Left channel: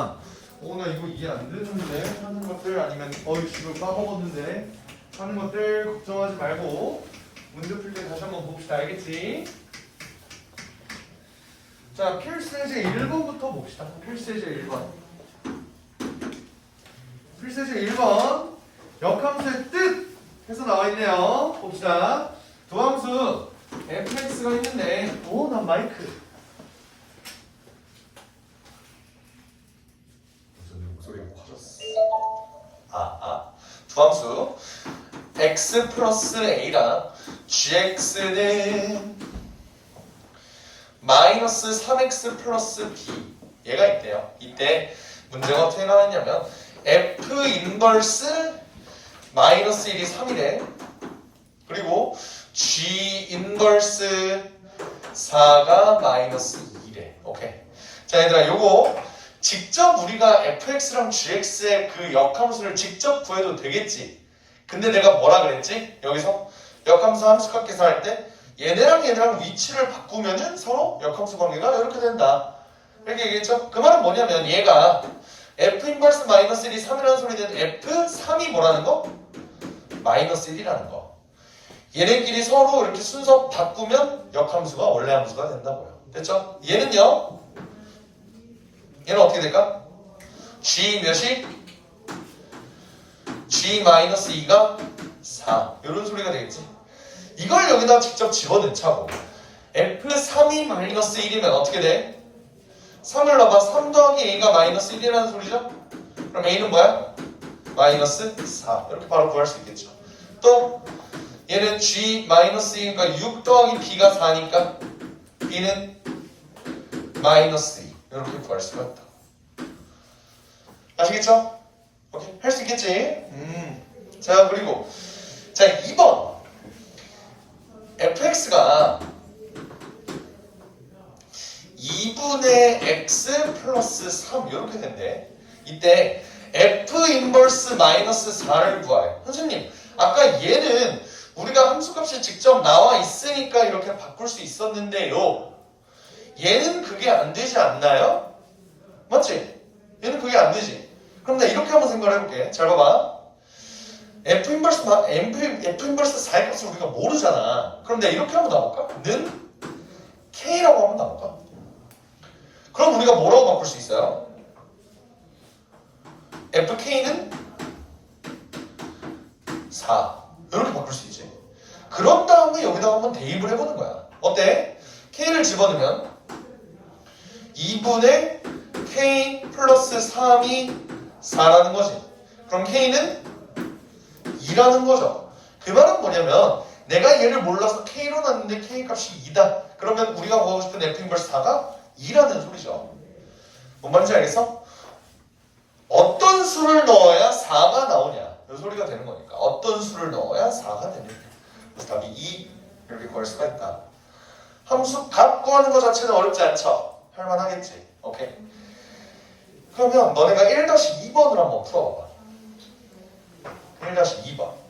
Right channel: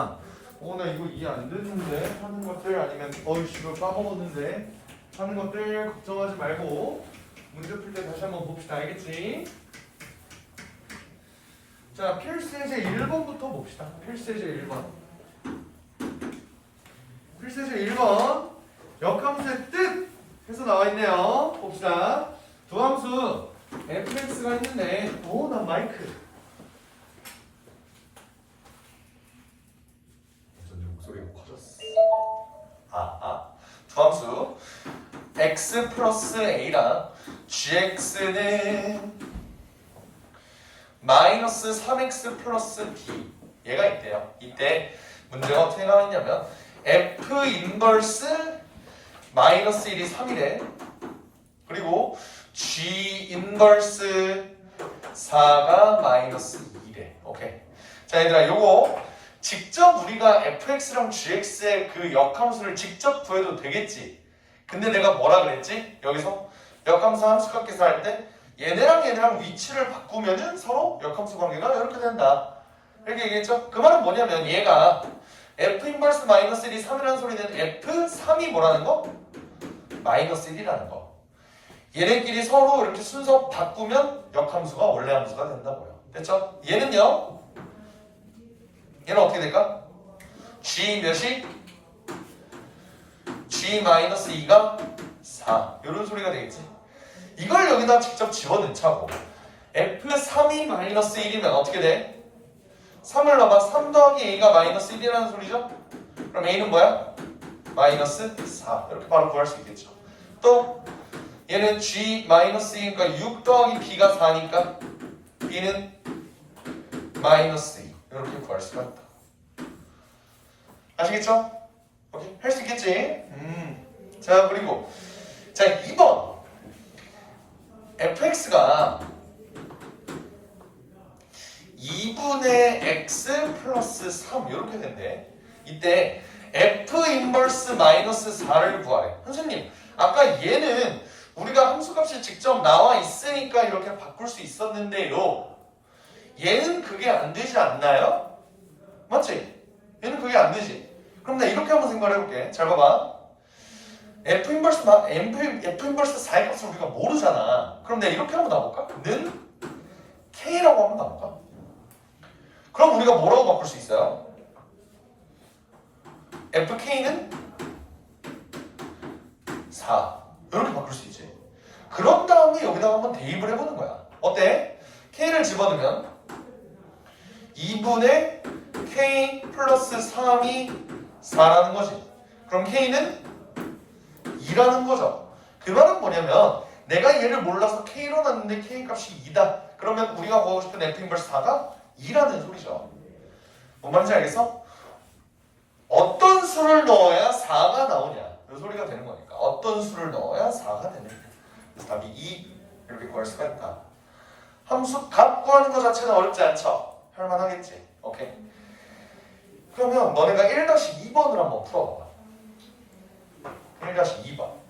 나 이거 이해 안 되는데 하는 것들 아니면 어이씨 이걸 까먹었는데 하는 것들 걱정하지 말고 문제 풀 때 다시 한번 봅시다. 알겠지? 자, 필수제 1번부터 봅시다. 필수제 1번. 필수제 1번 역함수의 뜻 해서 나와 있네요. 봅시다. 두 함수 fx가 있는데 난 마이크 목소리가 커졌어. 두 함수 x 플러스 a랑 gx는 마이너스 3x 플러스 b 얘가 있대요. 이때 문제가 어떻게 나왔냐면 f 인버스 마이너스 1이 3이래. 그리고 g 인버스 4가 마이너스 2래. 오케이. 자 얘들아 요거 직접 우리가 fx랑 gx의 그 역함수를 직접 구해도 되겠지. 근데 내가 뭐라 그랬지? 여기서 역함수 함수값 계산할 때 얘네랑 위치를 바꾸면은 서로 역함수 관계가 이렇게 된다. 이렇게 얘기했죠? 그 말은 뭐냐면 얘가 f 인버스 마이너스 1이 3이라는 소리는 f3이 뭐라는 거? 마이너스 1이라는 거. 얘네끼리 서로 이렇게 순서 바꾸면 역함수가 원래 함수가 된다고요. 됐죠? 얘는요? 얘는 어떻게 될까? g 몇이? g 마이너스 2가 4 이런 소리가 되겠지. 이걸 여기다 직접 집어넣자고. f3이 마이너스 1이면 어떻게 돼? 3을 넣어봐. 3 더하기 a가 마이너스 1이라는 소리죠? 그럼 a는 뭐야? 마이너스 4 이렇게 바로 구할 수 있겠죠. 또 얘는 g 마이너스 2니까 6 더하기 b가 4니까 b는 마이너스 2 이렇게 구할 수가 있다. 아시겠죠? 오케이. 할 수 있겠지? 자 그리고 자 2번 fx가 2분의 x 플러스 3 이렇게 된대. 이때 f 인버스 마이너스 4를 구하래. 선생님 아까 얘는 우리가 함수값이 직접 나와 있으니까 이렇게 바꿀 수 있었는데요. 얘는 그게 안 되지 않나요? 맞지? 얘는 그게 안 되지. 그럼 나 이렇게 한번 생각을 해볼게. 잘 봐봐. f 인버스 4의 값을 우리가 모르잖아. 그럼 내가 이렇게 한번 놔볼까? 는 k라고 한번 놔볼까? 그럼 우리가 뭐라고 바꿀 수 있어요? fk는 4 이렇게 바꿀 수 있지. 그런 다음에 여기다가 한번 대입을 해보는 거야. 어때? k를 집어넣으면 2분의 k 플러스 3이 4라는 거지. 그럼 k는 2라는 거죠. 그 말은 뭐냐면 내가 얘를 몰라서 k로 놨는데 k 값이 2다. 그러면 우리가 구하고 싶은 f 인버스 4가 2라는 소리죠. 뭔 말인지 알겠어? 어떤 수를 넣어야 4가 나오냐 이 소리가 되는 거니까 어떤 수를 넣어야 4가 되는 거야. 그래서 답이 2 이렇게 구할 수가 있다. 함수 값 구하는 것 자체는 어렵지 않죠? 할만하겠지. 오케이. 그러면 너네가 1-2번을 한번 풀어봐봐. 1-2번.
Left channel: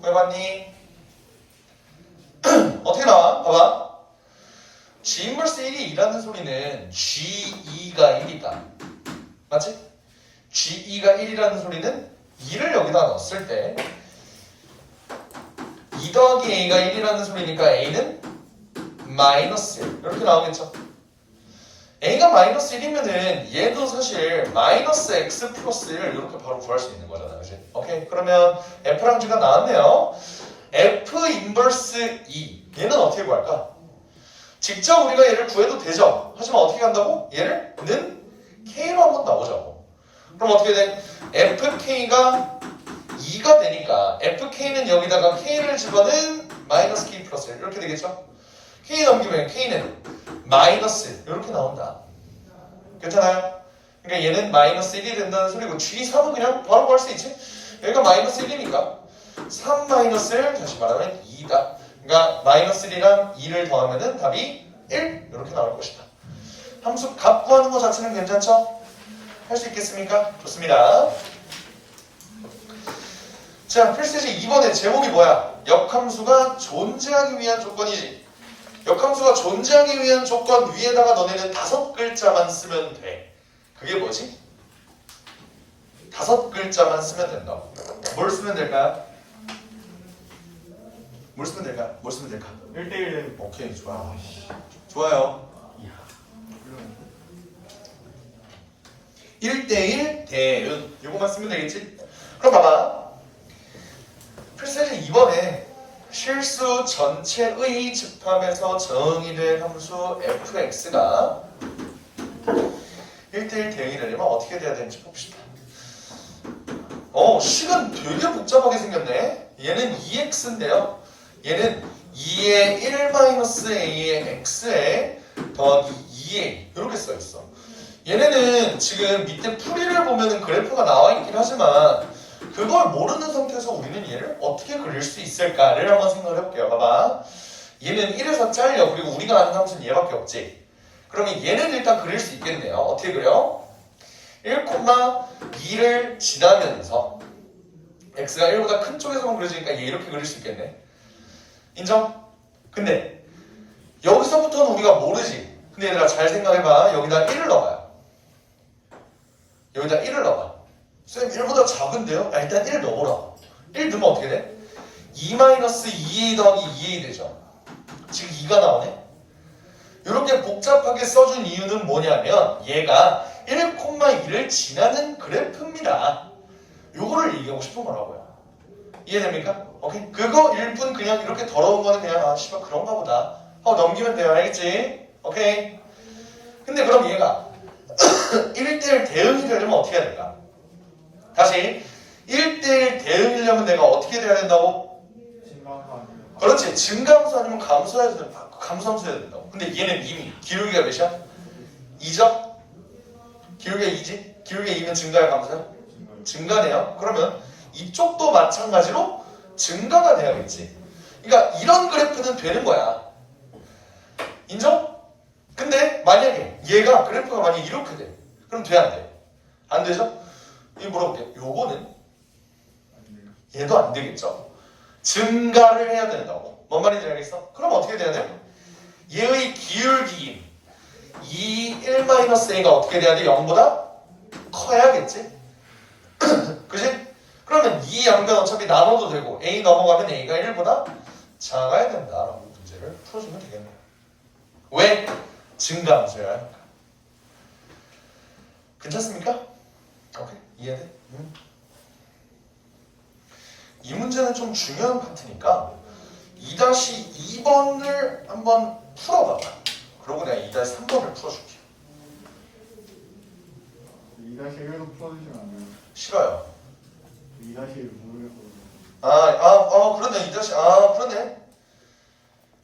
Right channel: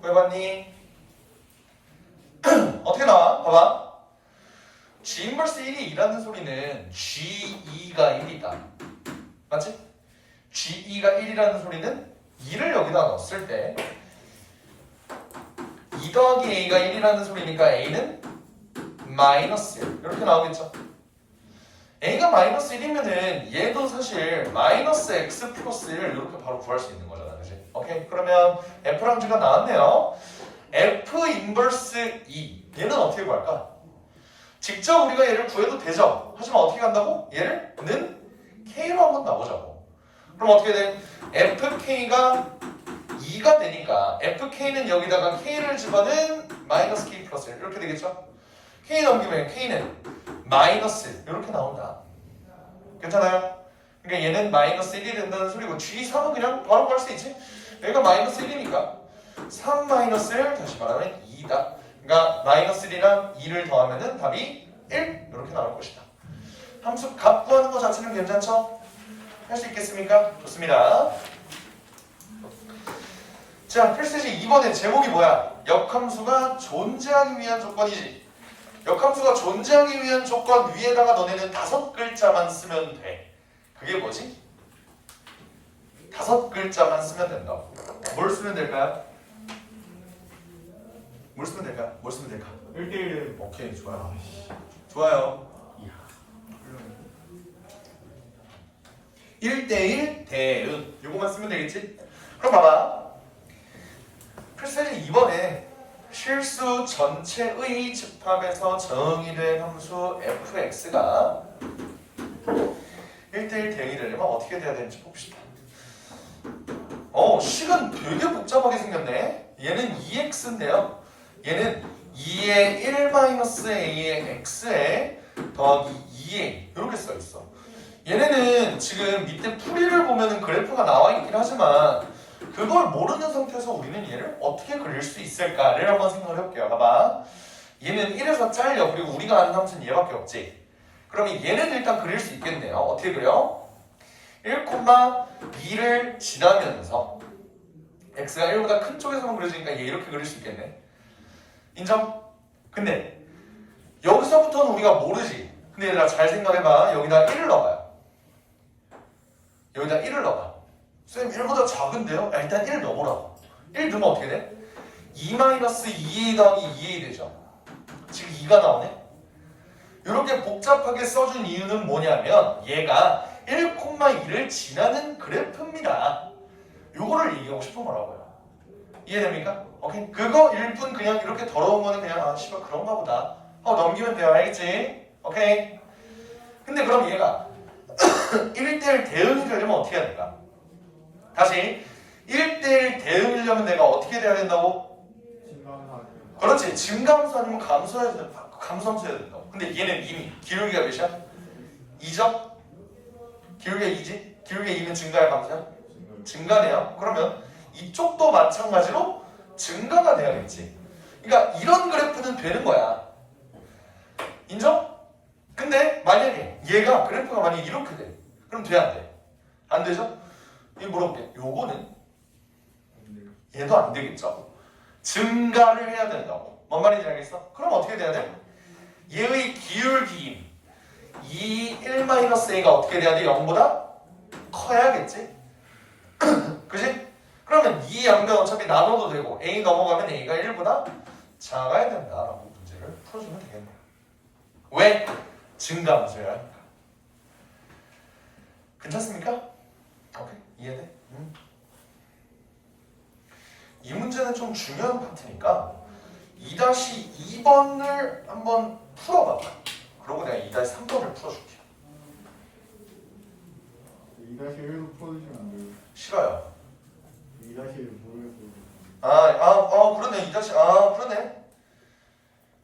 구해봤니? 어떻게 나와? 봐봐. g 인버스 1이 2라는 소리는 g2가 1이다. 맞지? g2가 1이라는 소리는 2를 여기다 넣었을 때 2 더하기 a가 1이라는 소리니까 a는 마이너스 1 이렇게 나오겠죠. a가 마이너스 1이면은 얘도 사실 마이너스 x 플러스 1 이렇게 바로 구할 수 있는 거잖아, 그지? 오케이, 그러면 f랑 g가 나왔네요. f 인버스 2 얘는 어떻게 구할까? 직접 우리가 얘를 구해도 되죠. 하지만 어떻게 간다고? 얘를 는 k로 한번 나오자고. 그럼 어떻게 돼? fk가 2가 되니까 fk는 여기다가 k를 집어넣은 마이너스 k 플러스 1 이렇게 되겠죠? k 넘기면 k는 마이너스 이렇게 나온다. 괜찮아요? 그러니까 얘는 마이너스 1이 된다는 소리고 G3은 그냥 바로 구할 수 있지. 여기가 마이너스 1이니까 3 마이너스 1 다시 말하면 2다. 그러니까 마이너스 1이랑 2를 더하면은 답이 1 이렇게 나올 것이다. 함수 값 구하는 것 자체는 괜찮죠? 할 수 있겠습니까? 좋습니다. 자, 필수제 2번의 제목이 뭐야? 역함수가 존재하기 위한 조건이지. 역함수가 존재하기 위한 조건 위에다가 너네는 5글자만 쓰면 돼. 그게 뭐지? 5글자만 쓰면 된다고. 뭘 쓰면 될까요? 뭘 쓰면 될까? 뭘 쓰면 될까? 1대1. 오케이, 좋아요. 좋아요. 1대1 대응. 요거만 쓰면 되겠지? 그럼 봐봐. 필수제 2번에 실수 전체의 집합에서 정의된 함수 fx가 1대1 대응이 되려면 어떻게 돼야 되는지 봅시다. 식은 되게 복잡하게 생겼네. 얘는 2x인데요. 얘는 2의 1-a의 x에 더하기 2a 이렇게 써있어. 얘네는 지금 밑에 풀이를 보면은 그래프가 나와 있긴 하지만 그걸 모르는 상태에서 우리는 얘를 어떻게 그릴 수 있을까를 한번 생각을 해볼게요. 봐봐. 얘는 1에서 잘려. 그리고 우리가 아는 함수는 얘밖에 없지. 그러면 얘는 일단 그릴 수 있겠네요. 어떻게 그려? 1,2를 지나면서 x가 1보다 큰 쪽에서만 그려지니까 얘 이렇게 그릴 수 있겠네. 인정? 근데 여기서부터는 우리가 모르지. 근데 얘들아 잘 생각해봐. 여기다 1을 넣어봐요. 여기다 1을 넣어봐. 쌤 1보다 작은데요? 일단 1 넣어보라고. 1 넣으면 어떻게 돼? 2-2a 더하기 2a 되죠. 지금 2가 나오네. 이렇게 복잡하게 써준 이유는 뭐냐면 얘가 1,2를 지나는 그래프입니다. 요거를 얘기하고 싶은 거라고요. 이해됩니까? 오케이? 그거 일뿐 그냥 이렇게 더러운 거는 그냥 씨발 그런가 보다 하고 넘기면 돼요. 알겠지? 오케이? 근데 그럼 얘가 1대1 대응이 되려면 어떻게 해야 될까? 다시 1대1 대응이려면 내가 어떻게 돼야 된다고? 그렇지. 증가함수 아니면 감수함수 해야 된다고. 근데 얘는 이미 기울기가 몇이야? 2죠? 기울기가 2지? 기울기가 2면 증가야 감수야? 증가네요. 그러면 이쪽도 마찬가지로 증가가 돼야겠지. 그러니까 이런 그래프는 되는 거야. 인정? 근데 만약에 얘가 그래프가 만약에 이렇게 돼. 그럼 돼 안 돼? 안 되죠? 이거 물어볼게. 요거는 얘도 안 되겠죠? 증가를 해야 된다고. 뭔 말인지 알겠어? 그럼 어떻게 돼야 돼? 얘의 기울기인 1-a가 어떻게 돼야 돼? 0보다 커야겠지? 그지? 그러면 이 양변 어차피 나눠도 되고 a 넘어가면 a가 1보다 작아야 된다라고 문제를 풀어주면 되겠네요. 왜? 증가함수여야 하니까. 괜찮습니까? 오케이? 이해돼? 이 문제는 좀 중요한 파트니까 2-2번을 한번 풀어봐봐. 그러고 내가 2-3번을 풀어줄게요. 2-1로 풀어주시면 안 돼요? 싫어요. 2-1 모르겠어요. 그러네. 그러네.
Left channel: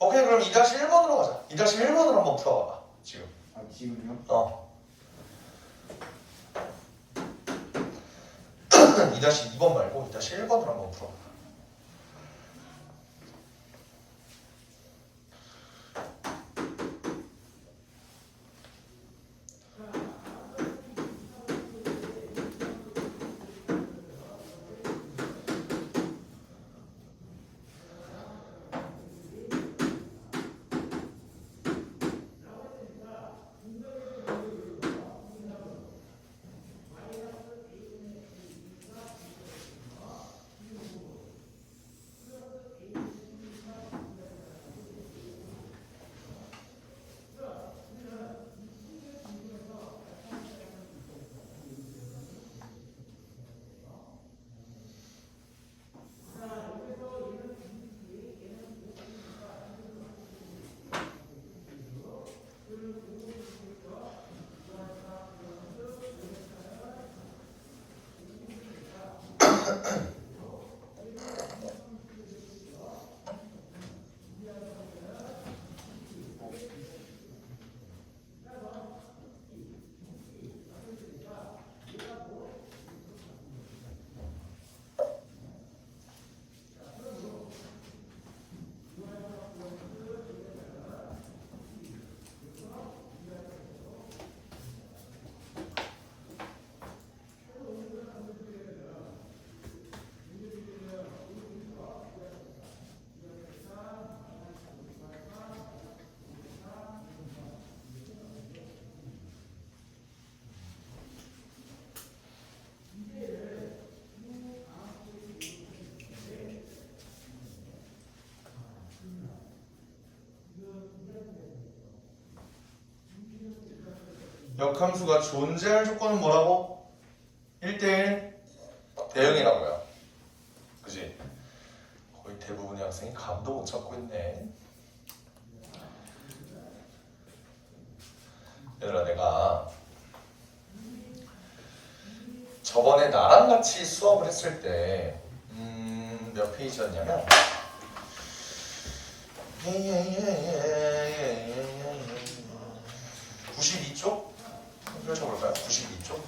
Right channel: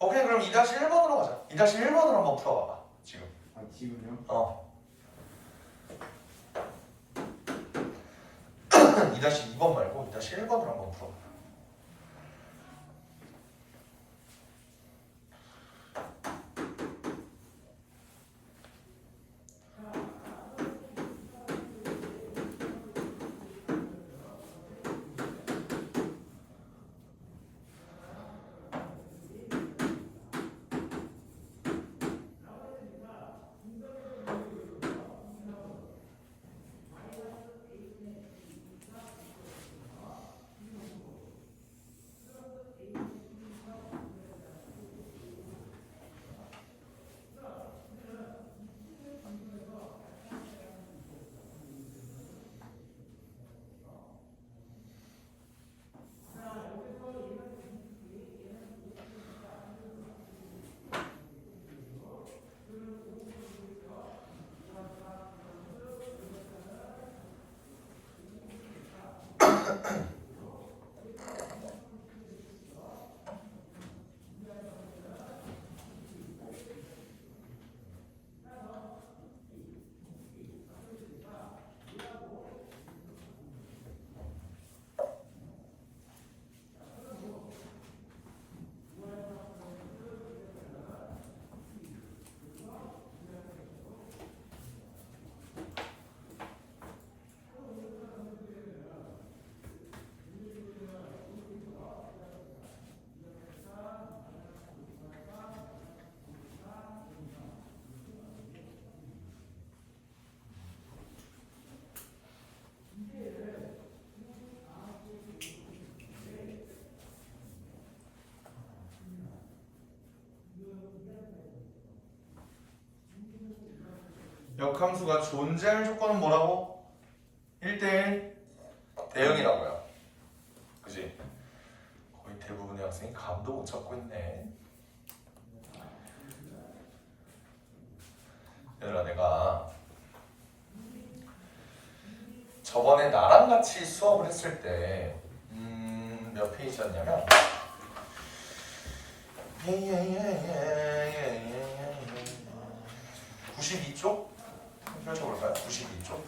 오케이, 그럼 2-1번으로 가자. 2-1번으로 한번 풀어봐봐. 지금. 지금요? 2-2번 말고 2-1번으로 한번 풀어봐. 역함수가 존재할 조건은 뭐라고? 1대1 대응이라고요. 그지? 거의 대부분의 학생이 감도 못 잡고 있네. 얘들아, 내가 저번에 나랑 같이 수업을 했을 때 몇 페이지였냐면 92쪽? 펼쳐볼까요? 92쪽?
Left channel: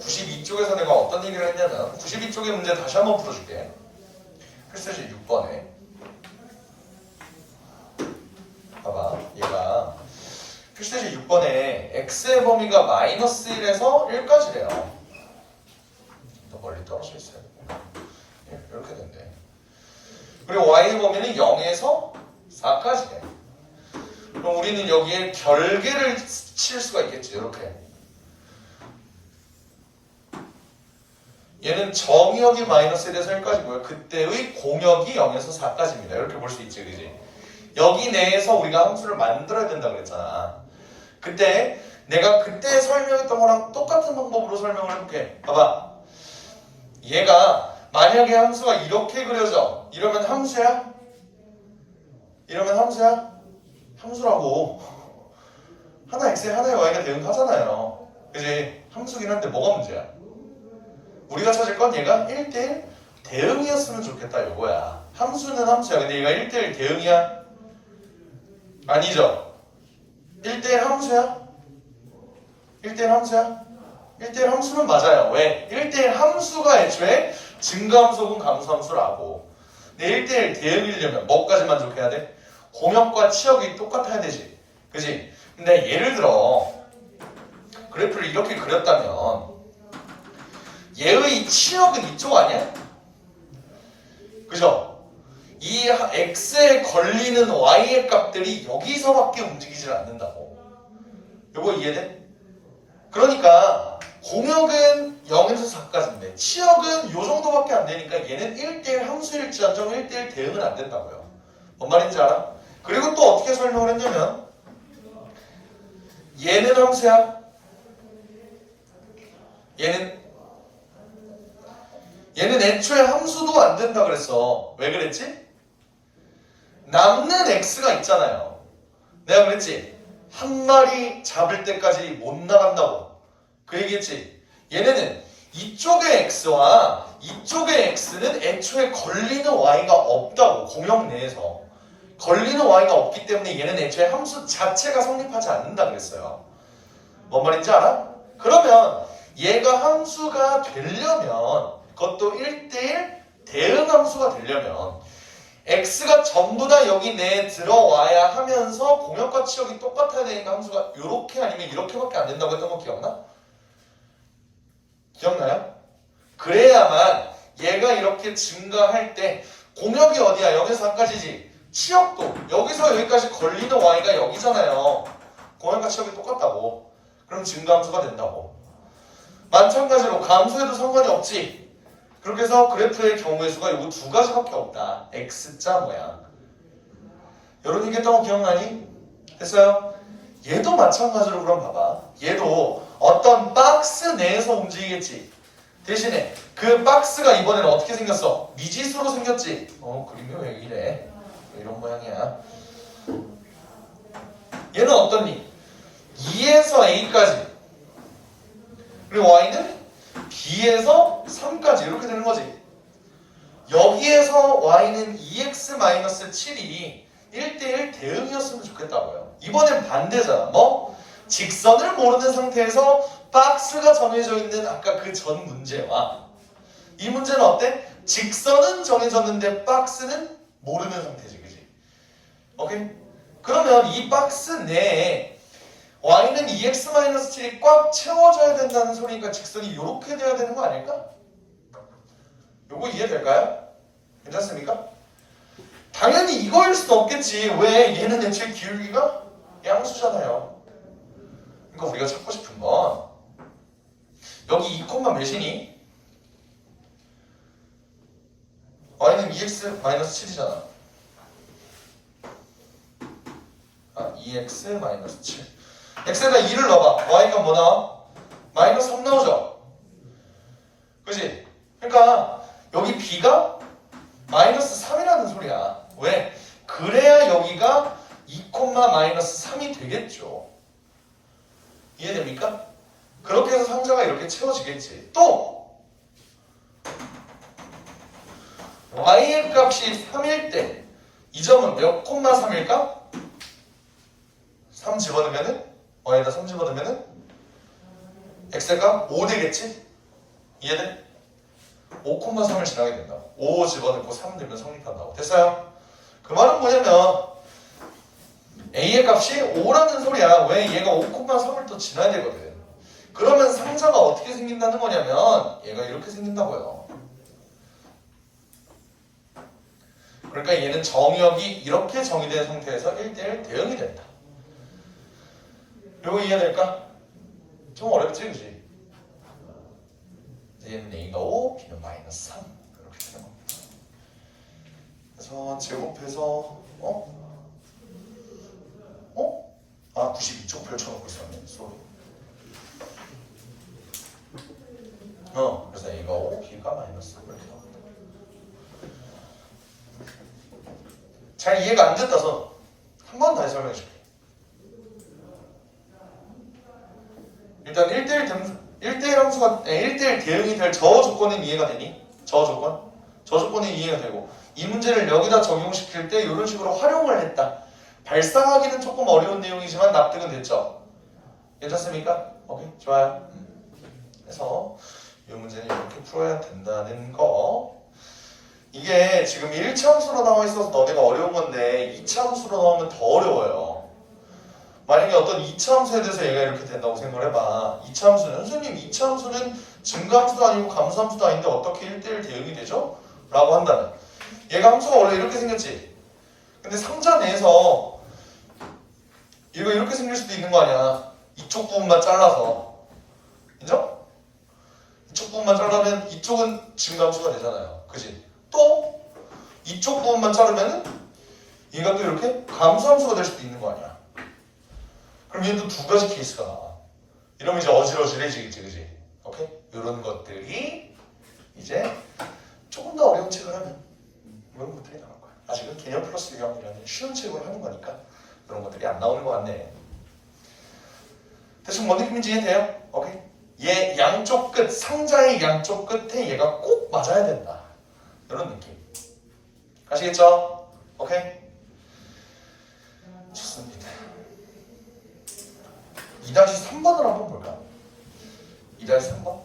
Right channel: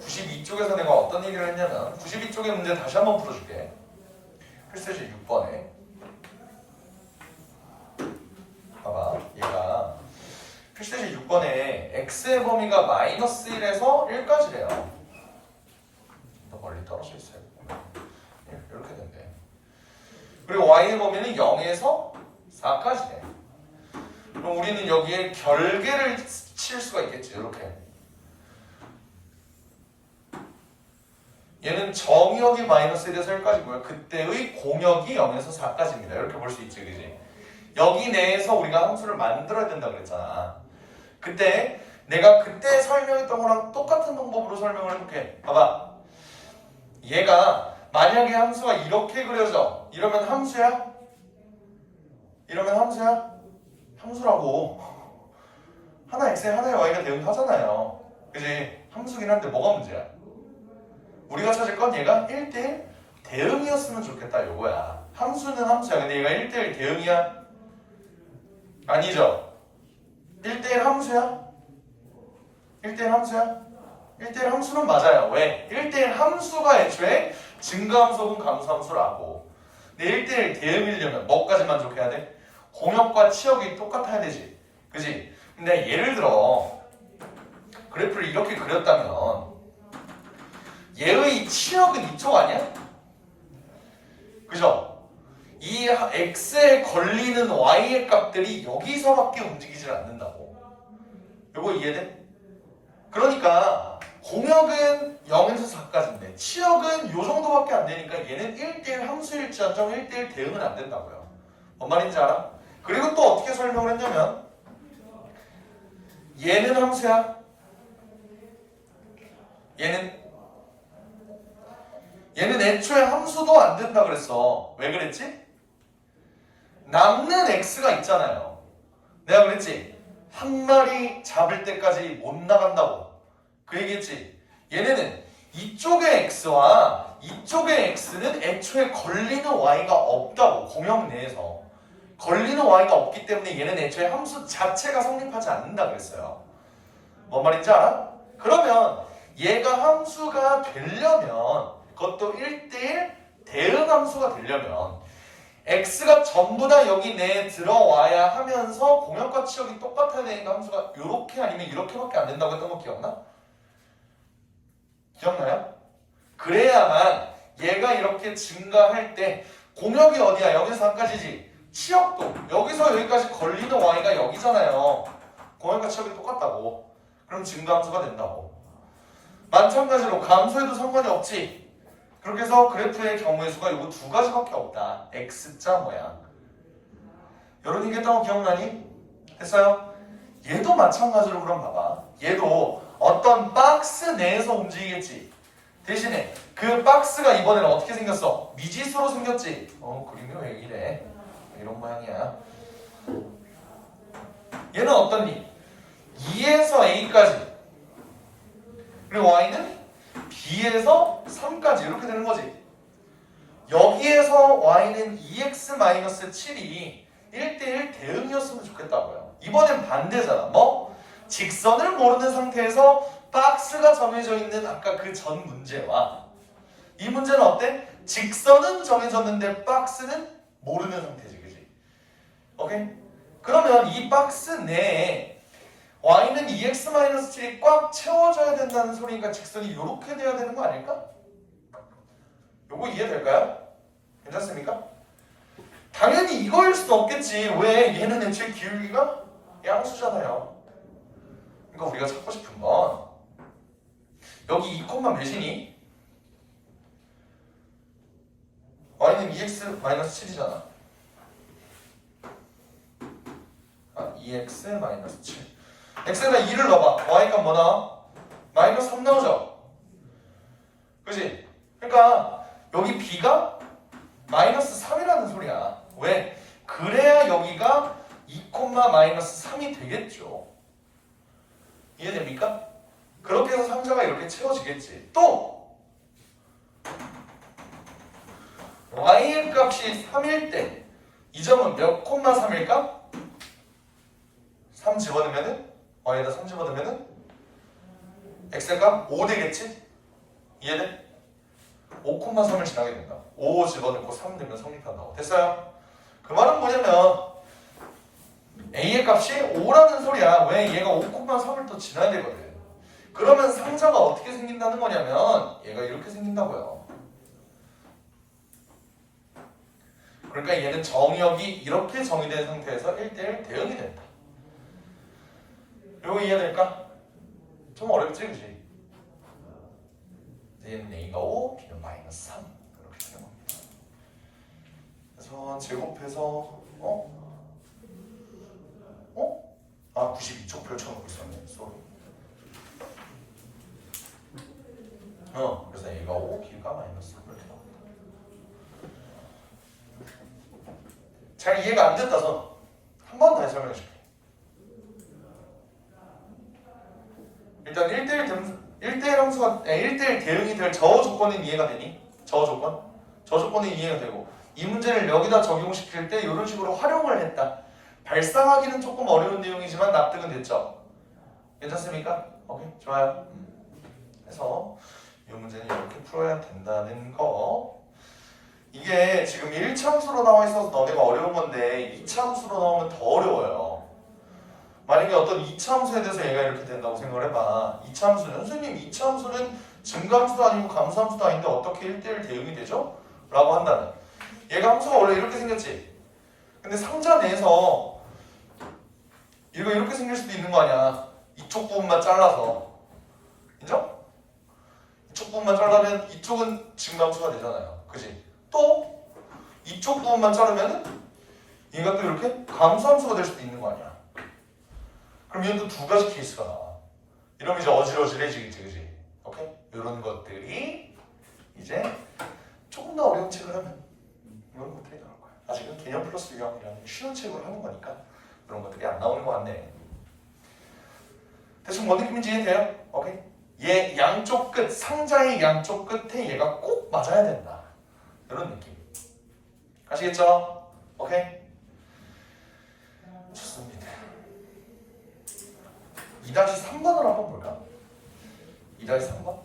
92쪽에서 내가 어떤 얘기를 했냐면 92쪽의 문제 다시 한번 풀어줄게. 필세지 6번에 봐봐, 얘가 필세지 6번에 x의 범위가 마이너스 1에서 1까지래요. 더 멀리 떨어져 있어요. 이렇게 된대. 그리고 y의 범위는 0에서 4까지래. 그럼 우리는 여기에 별개를 칠 수가 있겠지. 이렇게. 얘는 정의역이 마이너스 1에서 1까지고요. 그때의 공역이 0에서 4까지입니다. 이렇게 볼 수 있지, 그지? 여기 내에서 우리가 함수를 만들어야 된다 그랬잖아. 그때 내가 그때 설명했던 거랑 똑같은 방법으로 설명을 해볼게. 봐봐. 얘가 만약에 함수가 이렇게 그려져. 이러면 함수야? 이러면 함수야? 함수라고. 하나 x에 하나의 y가 대응하잖아요. 그지? 함수긴 한데 뭐가 문제야? 우리가 찾을 건 얘가 1대1 대응이었으면 좋겠다 요거야. 함수는 함수야. 근데 얘가 1대1 대응이야? 아니죠? 1대1 함수야? 1대1 함수야? 1대1 함수는 맞아요. 왜? 1대1 함수가 애초에 증가함수 혹은 감수함수라고. 근데 1대1 대응이려면 뭐까지 만족해야 돼? 공역과 치역이 똑같아야 되지. 그지? 근데 예를 들어 그래프를 이렇게 그렸다면 얘의 치역은 이쪽 아니야? 그죠? 이 x에 걸리는 y의 값들이 여기서밖에 움직이질 않는다고. 요거 이해돼? 그러니까 공역은 0에서 4까지인데 치역은 요 정도밖에 안 되니까 얘는 1대1 함수일지언정 1대1 대응은 안 된다고요. 뭔 말인지 알아? 그리고 또 어떻게 설명을 했냐면 얘는 함수야. 얘는 애초에 함수도 안 된다 그랬어. 왜 그랬지? 남는 x가 있잖아요. 내가 그랬지? 한 마리 잡을 때까지 못 나간다고. 그 얘기했지? 얘네는 이쪽의 x와 이쪽의 x는 애초에 걸리는 y가 없다고. 공역 내에서 걸리는 y가 없기 때문에 얘는 애초에 함수 자체가 성립하지 않는다 그랬어요. 뭔 말인지 알아? 그러면 얘가 함수가 되려면 그것도 1대1 대응 함수가 되려면 x가 전부 다 여기 내에 들어와야 하면서 공역과 치역이 똑같아야 되니까 함수가 이렇게 아니면 이렇게밖에 안 된다고 했던 거 기억나? 기억나요? 그래야만 얘가 이렇게 증가할 때 공역이 어디야? 0에서 4까지지. 치역도 여기서 여기까지 걸리는 y가 여기잖아요. 공역과 치역이 똑같다고. 그럼 증가함수가 된다고. 마찬가지로 감소해도 상관이 없지. 그렇게 해서 그래프의 경우의 수가 요거 두 가지밖에 없다. X자 모양. 이런 얘기 했던 거 기억나니? 됐어요? 얘도 마찬가지로 그럼 봐봐. 얘도 어떤 박스 내에서 움직이겠지. 대신에 그 박스가 이번에는 어떻게 생겼어? 미지수로 생겼지. 그림이 왜 이래? 이런 모양이야. 얘는 어떻니? 2에서 A까지. 그리고 Y는 B에서 3까지 이렇게 되는 거지. 여기에서 Y는 2x-7이 1대1 대응이었으면 좋겠다고요. 이번엔 반대잖아. 뭐? 직선을 모르는 상태에서 박스가 정해져 있는 아까 그 전 문제와 이 문제는 어때? 직선은 정해졌는데 박스는 모르는 상태지. 그지? 오케이? 그러면 이 박스 내에 y는 2x-7이 꽉 채워져야 된다는 소리니까 직선이 이렇게 돼야 되는 거 아닐까? 요거 이해될까요? 괜찮습니까? 당연히 이거일 수도 없겠지. 왜? 얘는 애초에 기울기가 양수잖아요. 그러니까 우리가 찾고 싶은 건 여기 2, 몇이니? y는 2x-7이잖아. 2x 마이너스 7. x에다 2를 넣어봐. y가 뭐 나와? 마이너스 3 나오죠? 그지? 그러니까 여기 b가 마이너스 3이라는 소리야. 왜? 그래야 여기가 2, 마이너스 3이 되겠죠. 이해됩니까? 그렇게 해서 상자가 이렇게 채워지겠지. 또 y의 값이 3일 때 이 점은 몇 콤마 3일까? 3 집어넣으면은 y에다 3 집어넣으면은 x의 값 5 되겠지? 이해돼? 5,3을 지나게 된다고. 5 집어넣고 3 넣으면 성립한다고. 됐어요? 그 말은 뭐냐면 a의 값이 5라는 소리야. 왜? 얘가 5,3을 또 지나야 되거든. 그러면 상자가 어떻게 생긴다는 거냐면 얘가 이렇게 생긴다고요. 그러니까 얘는 정역이 이렇게 정의된 상태에서 1대1 대응이 된다. 이거 이해될까? 좀 어렵지, 그지? 얘는 a가 5, b는 마이너스 3 이렇게 되는 겁니다. 그래서 제곱해서 92쪽 펼쳐놓고 있었네. 쏘리. 그래서 a가 5, b가 마이너스 3 이렇게 나옵니다. 잘 이해가 안 됐다서 한 번 다시 설명해 줄게. 일단 1대1 함수가 1대1 대응이 될 저 조건은 이해가 되니? 저 조건? 저 조건은 이해가 되고 이 문제를 여기다 적용시킬 때 이런 식으로 활용을 했다. 발상하기는 조금 어려운 내용이지만 납득은 됐죠? 괜찮습니까? 오케이, 좋아요. 그래서 이 문제는 이렇게 풀어야 된다는 거. 이게 지금 1차 함수로 나와 있어서 너네가 어려운 건데 2차 함수로 나오면 더 어려워요. 만약에 어떤 2차 함수에 대해서 얘가 이렇게 된다고 생각을 해봐. 2차 함수는 선생님 2차 함수는 증가함수도 아니고 감소함수도 아닌데 어떻게 1대1 대응이 되죠? 라고 한다면 얘가 함수가 원래 이렇게 생겼지. 근데 상자 내에서 얘가 이렇게 생길 수도 있는 거 아니야. 이쪽 부분만 잘라서. 인정? 이쪽 부분만 자르면 이쪽은 증가함수가 되잖아요. 그지? 또 이쪽 부분만 자르면 얘가 또 이렇게 감소함수가 될 수도 있는 거 아니야. 그럼 얘는 또 두 가지 케이스가 나와. 이러면 이제 어질어질해지겠지, 그지? 오케이? 이런 것들이 이제 조금 더 어려운 책을 하면 이런 것들이 나올 거야. 아직은 개념 플러스 유형이라는 쉬운 책을 하는 거니까 그런 것들이 안 나오는 것 같네. 대충 뭔 느낌인지 이해돼요? 오케이? 얘 양쪽 끝, 상자의 양쪽 끝에 얘가 꼭 맞아야 된다. 이런 느낌. 아시겠죠? 오케이? 좋습니다. 2-3번을 한번 볼까? 2-3번?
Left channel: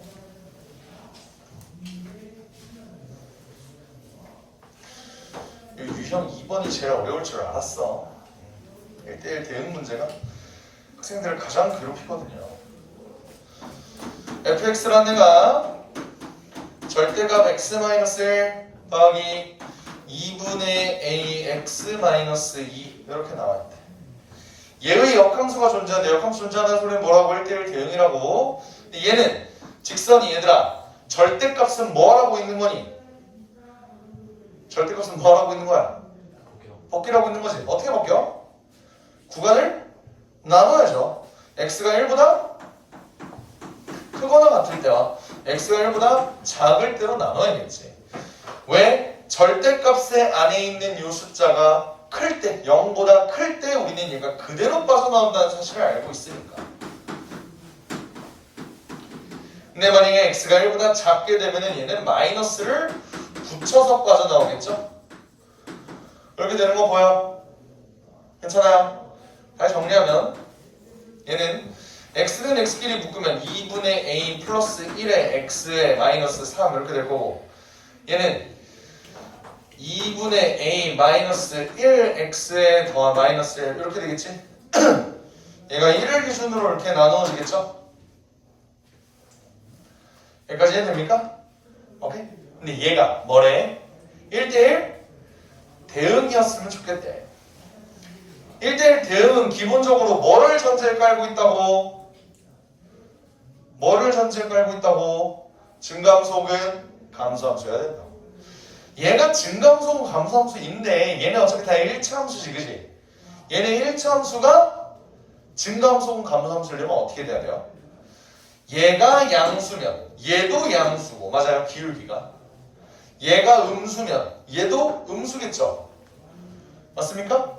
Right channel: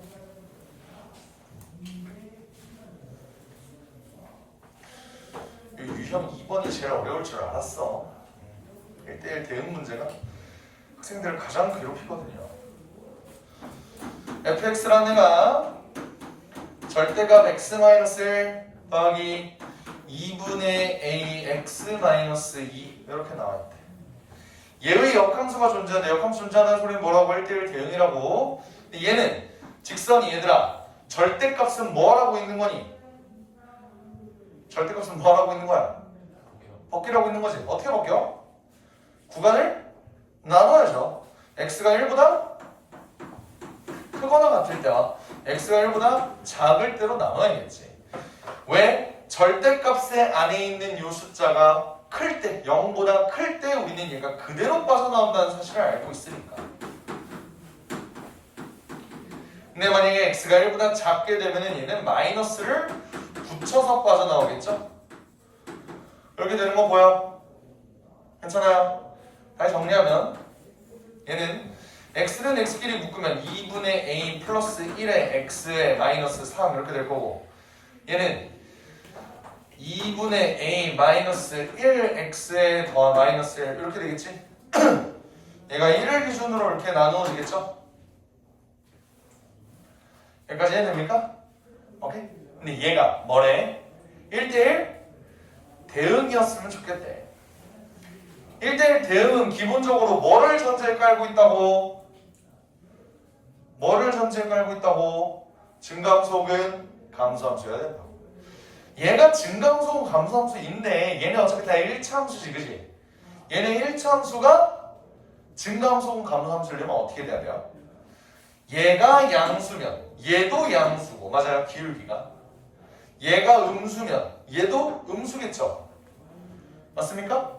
유형 2번이 제일 어려울 줄 알았어. 1대1 대응 문제가 학생들을 가장 괴롭히거든요. fx라는 애가 절대값 x-1 더하기 2분의 ax-2 이렇게 나왔대. 얘의 역함수가 존재하는데 역함수 존재하는 소리는 뭐라고? 1대1 대응이라고. 근데 얘는 직선이 얘들아 절대값은 뭐 하라고 있는 거니? 절대값은 뭐 하라고 있는 거야? 벗기라고 있는 거지. 어떻게 벗겨? 구간을 나눠야죠. x가 1보다 크거나 같을 때와 x가 1보다 작을 때로 나눠야겠지. 왜? 절대값의 안에 있는 이 숫자가 클 때, 0보다 클 때 우리는 얘가 그대로 빠져나온다는 사실을 알고 있으니까. 근데 만약에 x가 1보다 작게 되면 얘는 마이너스를 붙여서 빠져나오겠죠? 이렇게 되는 거 보여? 괜찮아요? 다시 정리하면 얘는 x는 x끼리 묶으면 2분의 a 플러스 1의 x에 마이너스 3 이렇게 될 거고 얘는 2분의 a 마이너스 1x에 더 마이너스 1 이렇게 되겠지? 얘가 1을 기준으로 이렇게 나누어지겠죠? 여기까지 해됩니까? 오케이? 근데 얘가 뭐래? 1대1 대응이었으면 좋겠대. 1대1 대응은 기본적으로 뭐를 전제에 깔고 있다고? 뭐를 전제에 깔고 있다고? 증가함수 혹은 감소함수여야 된다고. 얘가 증가함수 혹은 감소함수인데 얘네 어차피 다 1차 함수지, 그지? 얘네 1차 함수가 증가함수 혹은 감소함수려면 어떻게 돼야 돼요? 얘가 양수면 얘도 양수고 맞아요 기울기가 얘가 음수면 얘도 음수겠죠 맞습니까?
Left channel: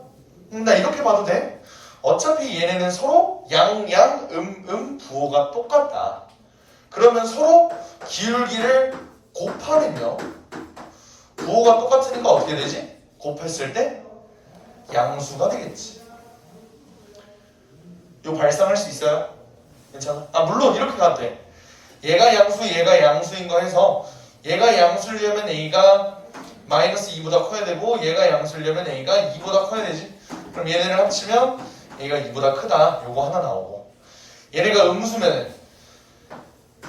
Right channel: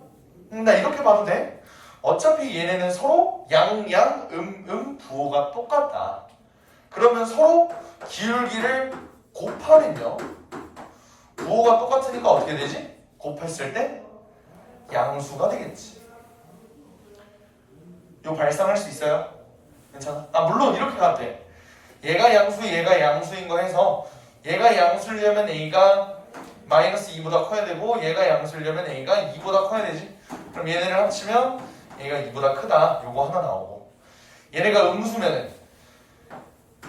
나 이렇게 봐도 돼 어차피 얘네는 서로 양양 부호가 똑같다 그러면 서로 기울기를 곱하면요 부호가 똑같으니까 어떻게 되지? 곱했을 때 양수가 되겠지 이거 발상할 수 있어요? 괜찮아? 물론 이렇게 가도 돼 얘가 양수 얘가 양수인 거 해서 얘가 양수려면 A가 마이너스 2보다 커야 되고 얘가 양수려면 A가 2보다 커야 되지 그럼 얘네를 합치면 A가 2보다 크다 요거 하나 나오고 얘네가 음수면은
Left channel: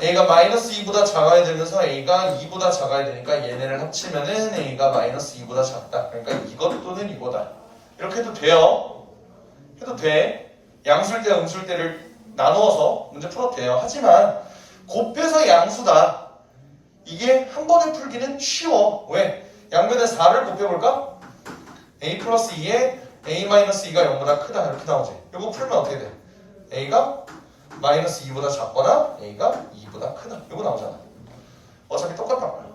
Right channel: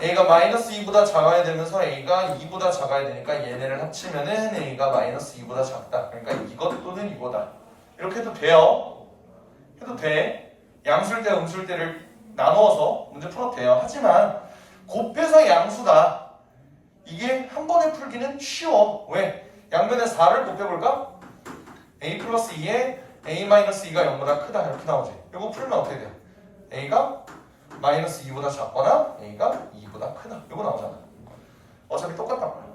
A가 마이너스 2보다 작아야 되면서 A가 2보다 작아야 되니까 얘네를 합치면은 A가 마이너스 2보다 작다 그러니까 이것 또는 이거다 이렇게 해도 돼요 해도 돼 양수일 때 음수일 때를 나누어서 문제 풀어도 돼요 하지만 곱해서 양수다 이게 한 번에 풀기는 쉬워 왜? 양변에 4를 곱해볼까? A 플러스 2에 A 마이너스 2가 0보다 크다 이렇게 나오지 이거 풀면 어떻게 돼? A가 마이너스 2보다 작거나 A가 2보다 크다 이거 나오잖아 어차피 똑같단 말이야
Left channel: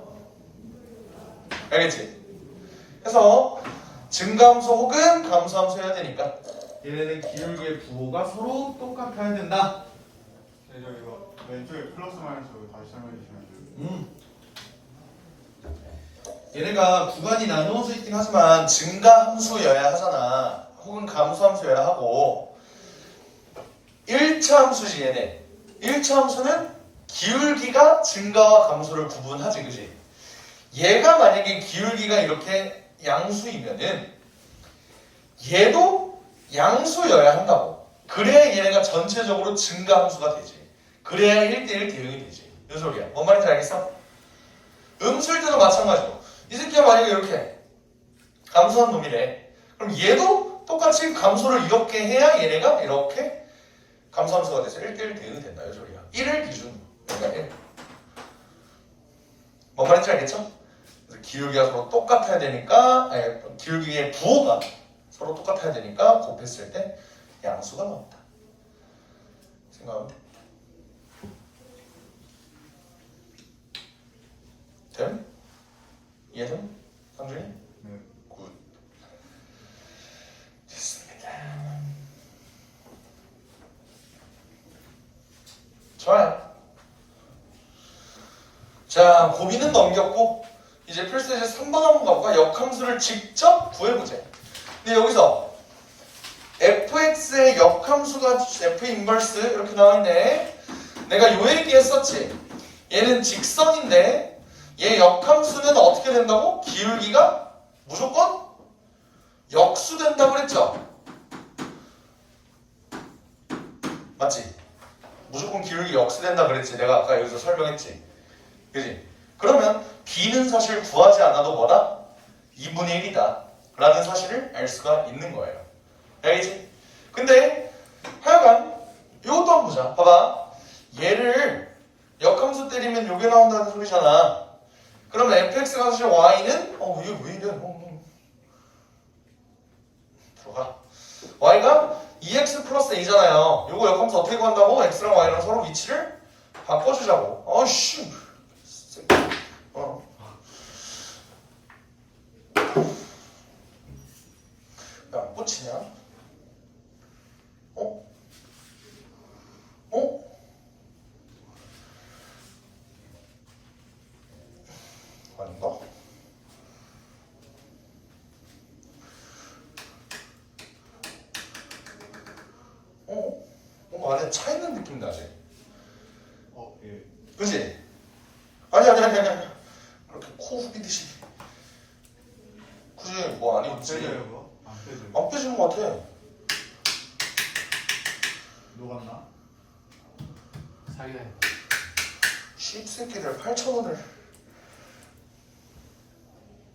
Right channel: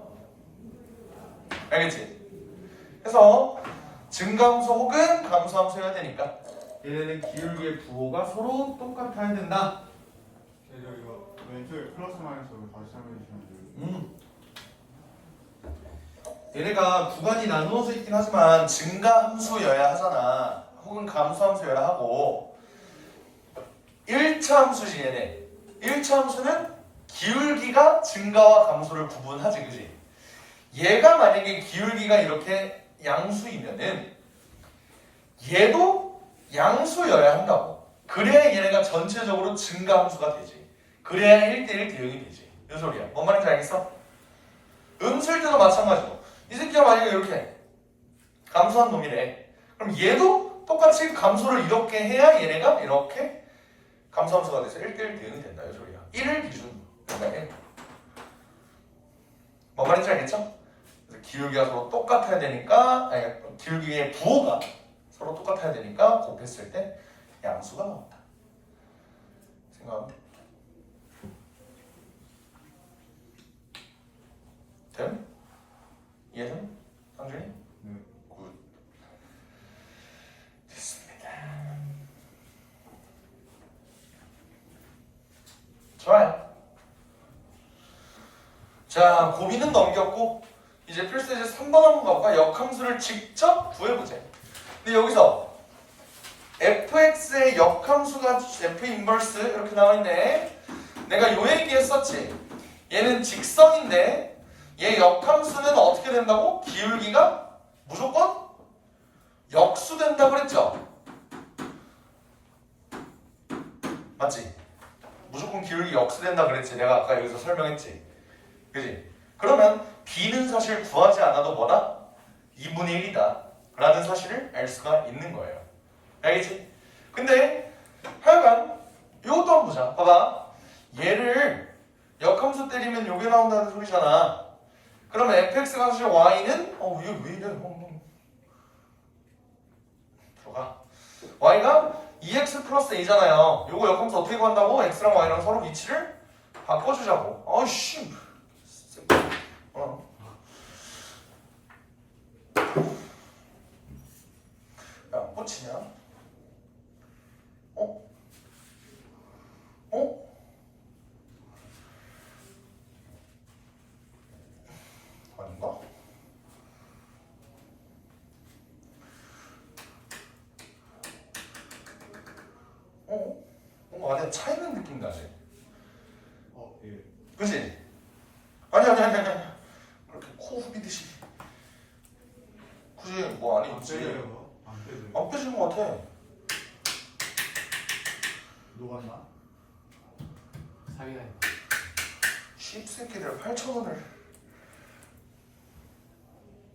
알겠지? 그래서 증가함수 혹은 감소함수 해야 되니까 얘네는 기울기의 부호가 서로 똑같아야 된다 네, 저 이거 왼쪽에 플러스 마이너스 다시 설명해 주시면 돼요. 얘네가 구간이 나누어져 있긴 하지만 증가함수여야 하잖아 혹은 감소함수여야 하고 1차 함수지 얘네 1차 함수는 기울기가 증가와 감소를 구분하지 그지 얘가 만약에 기울기가 이렇게 양수이면은 얘도 양수여야 한다고 그래야 얘네가 전체적으로 증가함수가 되지 그래야 1대1 대응이 되지 이 소리야 뭔 말인지 알겠어? 음수일 때도 마찬가지고 이 새끼가 만약에 이렇게 감소한 놈이래 그럼 얘도 똑같이 감소를 이렇게 해야 얘네가 이렇게 감소함수가 돼서 1대1 대응이 된다 이 소리야 1을 기준으로 그러니까 1. 뭔 말인지 알겠죠? 그래서 기울기가 서로 똑같아야 되니까 아니 기울기의 부호가 서로 똑같아야 되니까 곱했을 때 양수가 나온다 생각하면 돼 됨? 이해됨? 상준이? 네. 굿 됐습니다 좋아요 자 고비는 넘겼고 이제 필수제 3번 한번 가볼까? 역함수를 직접 구해보자 근데 여기서 fx의 역함수가 f 인버스 이렇게 나와있네 내가 요 얘기했었지 얘는 직선인데 얘 역함수는 어떻게 된다고? 기울기가 무조건 역수된다고 그랬죠? 맞지? 무조건 기울기 역수된다 그랬지 내가 아까 여기서 설명했지 그지? 그러면 b는 사실 구하지 않아도 뭐다? 2분의 1이다 라는 사실을 알 수가 있는 거예요 알겠지? 근데 하여간 이것도 한번 보자 봐봐 얘를 역함수 때리면 요게 나온다는 소리잖아 그러면 fx가 사실 y는 이게 왜 이래 들어가 y가 2x 플러스 a잖아요 요거 역함수 어떻게 구한다고? x랑 y랑 서로 위치를 바꿔주자고 아이씨 야, 꽂히냐? 어? 아닌가? 뭔가 안에 차 있는 느낌 나지? 예. 그치? 아니야. 이렇게 코 후비듯이. 굳이 뭐 안에 있지? 빼져요? 안 빼져요? 안 빼진 것 같아. 녹았나? 사기다. 씹새끼들 8,000원을.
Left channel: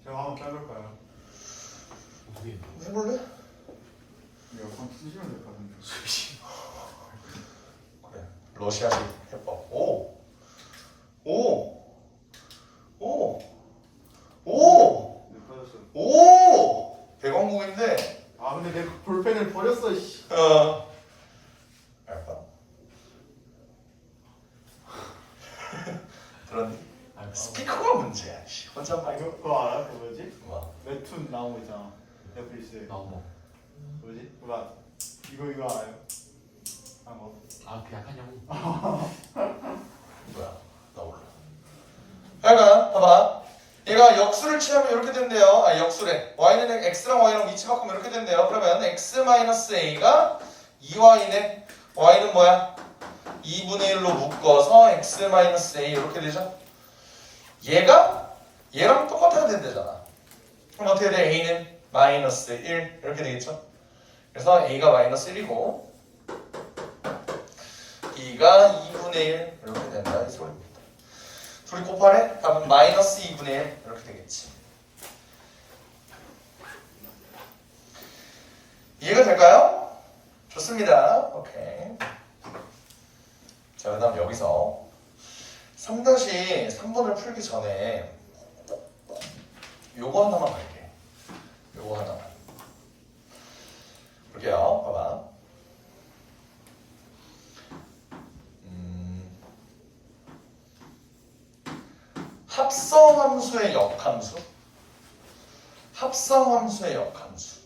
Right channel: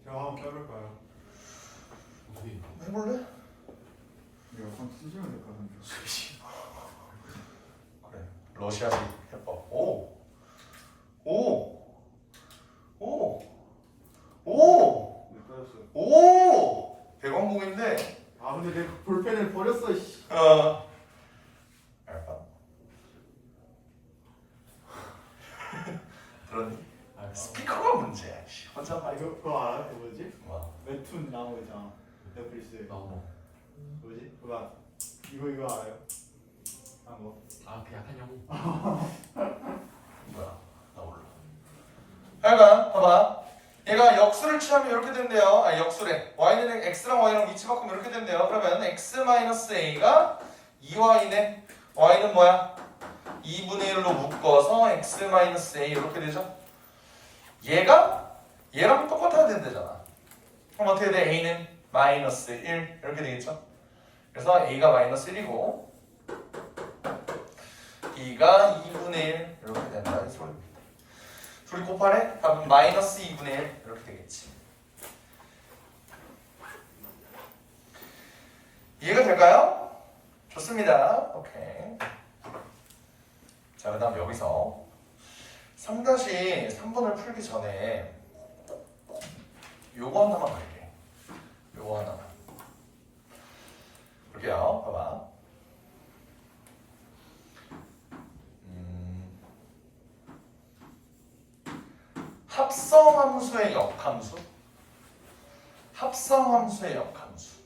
제가 한번 빼볼까요? 해볼래? 에어컨 쓰시면 될 것 같은데. 그래. 러시아식 해법. 오. 네, 빠졌어요. 오. 백왕국인데. 아 근데 내 볼펜을 버렸어. 씨. 문제야. 씨. 혼자 아 말. 이거 그거 알아? 그거 뭐지? 뭐? 웹툰 나온 거 있잖아. 넷플릭스 너무. 뭐지? 뭐야? 이거 알아요? 아 뭐? 그 약한 형. 뭐야? 나 몰라. 하여간 봐봐. 얘가 역수를 취하면 이렇게 된대요. 아 역수래. y는 x랑 y랑 위치 바꾸면 이렇게 된대요. 그러면 x-a가 2y네. y는 뭐야? 2분의 1로 묶어서 x-a 이렇게 되죠. 얘랑 똑같아야 된대잖아. 그럼 어떻게 돼? a는 마이너스 1 이렇게 되겠죠. 그래서 a가 마이너스 1이고 b가 2분의 1 이렇게 된다는 소리입니다. 둘이 곱하래? 답은 마이너스 2분의 1 이렇게 되겠지. 이해가 될까요? 좋습니다. 오케이. 자, 그 다음 여기서 3-3번을 풀기 전에 요거 하나만 갈게. 요거 하나. 볼게요. 봐봐. 합성함수의 역함수. 합성함수의 역함수.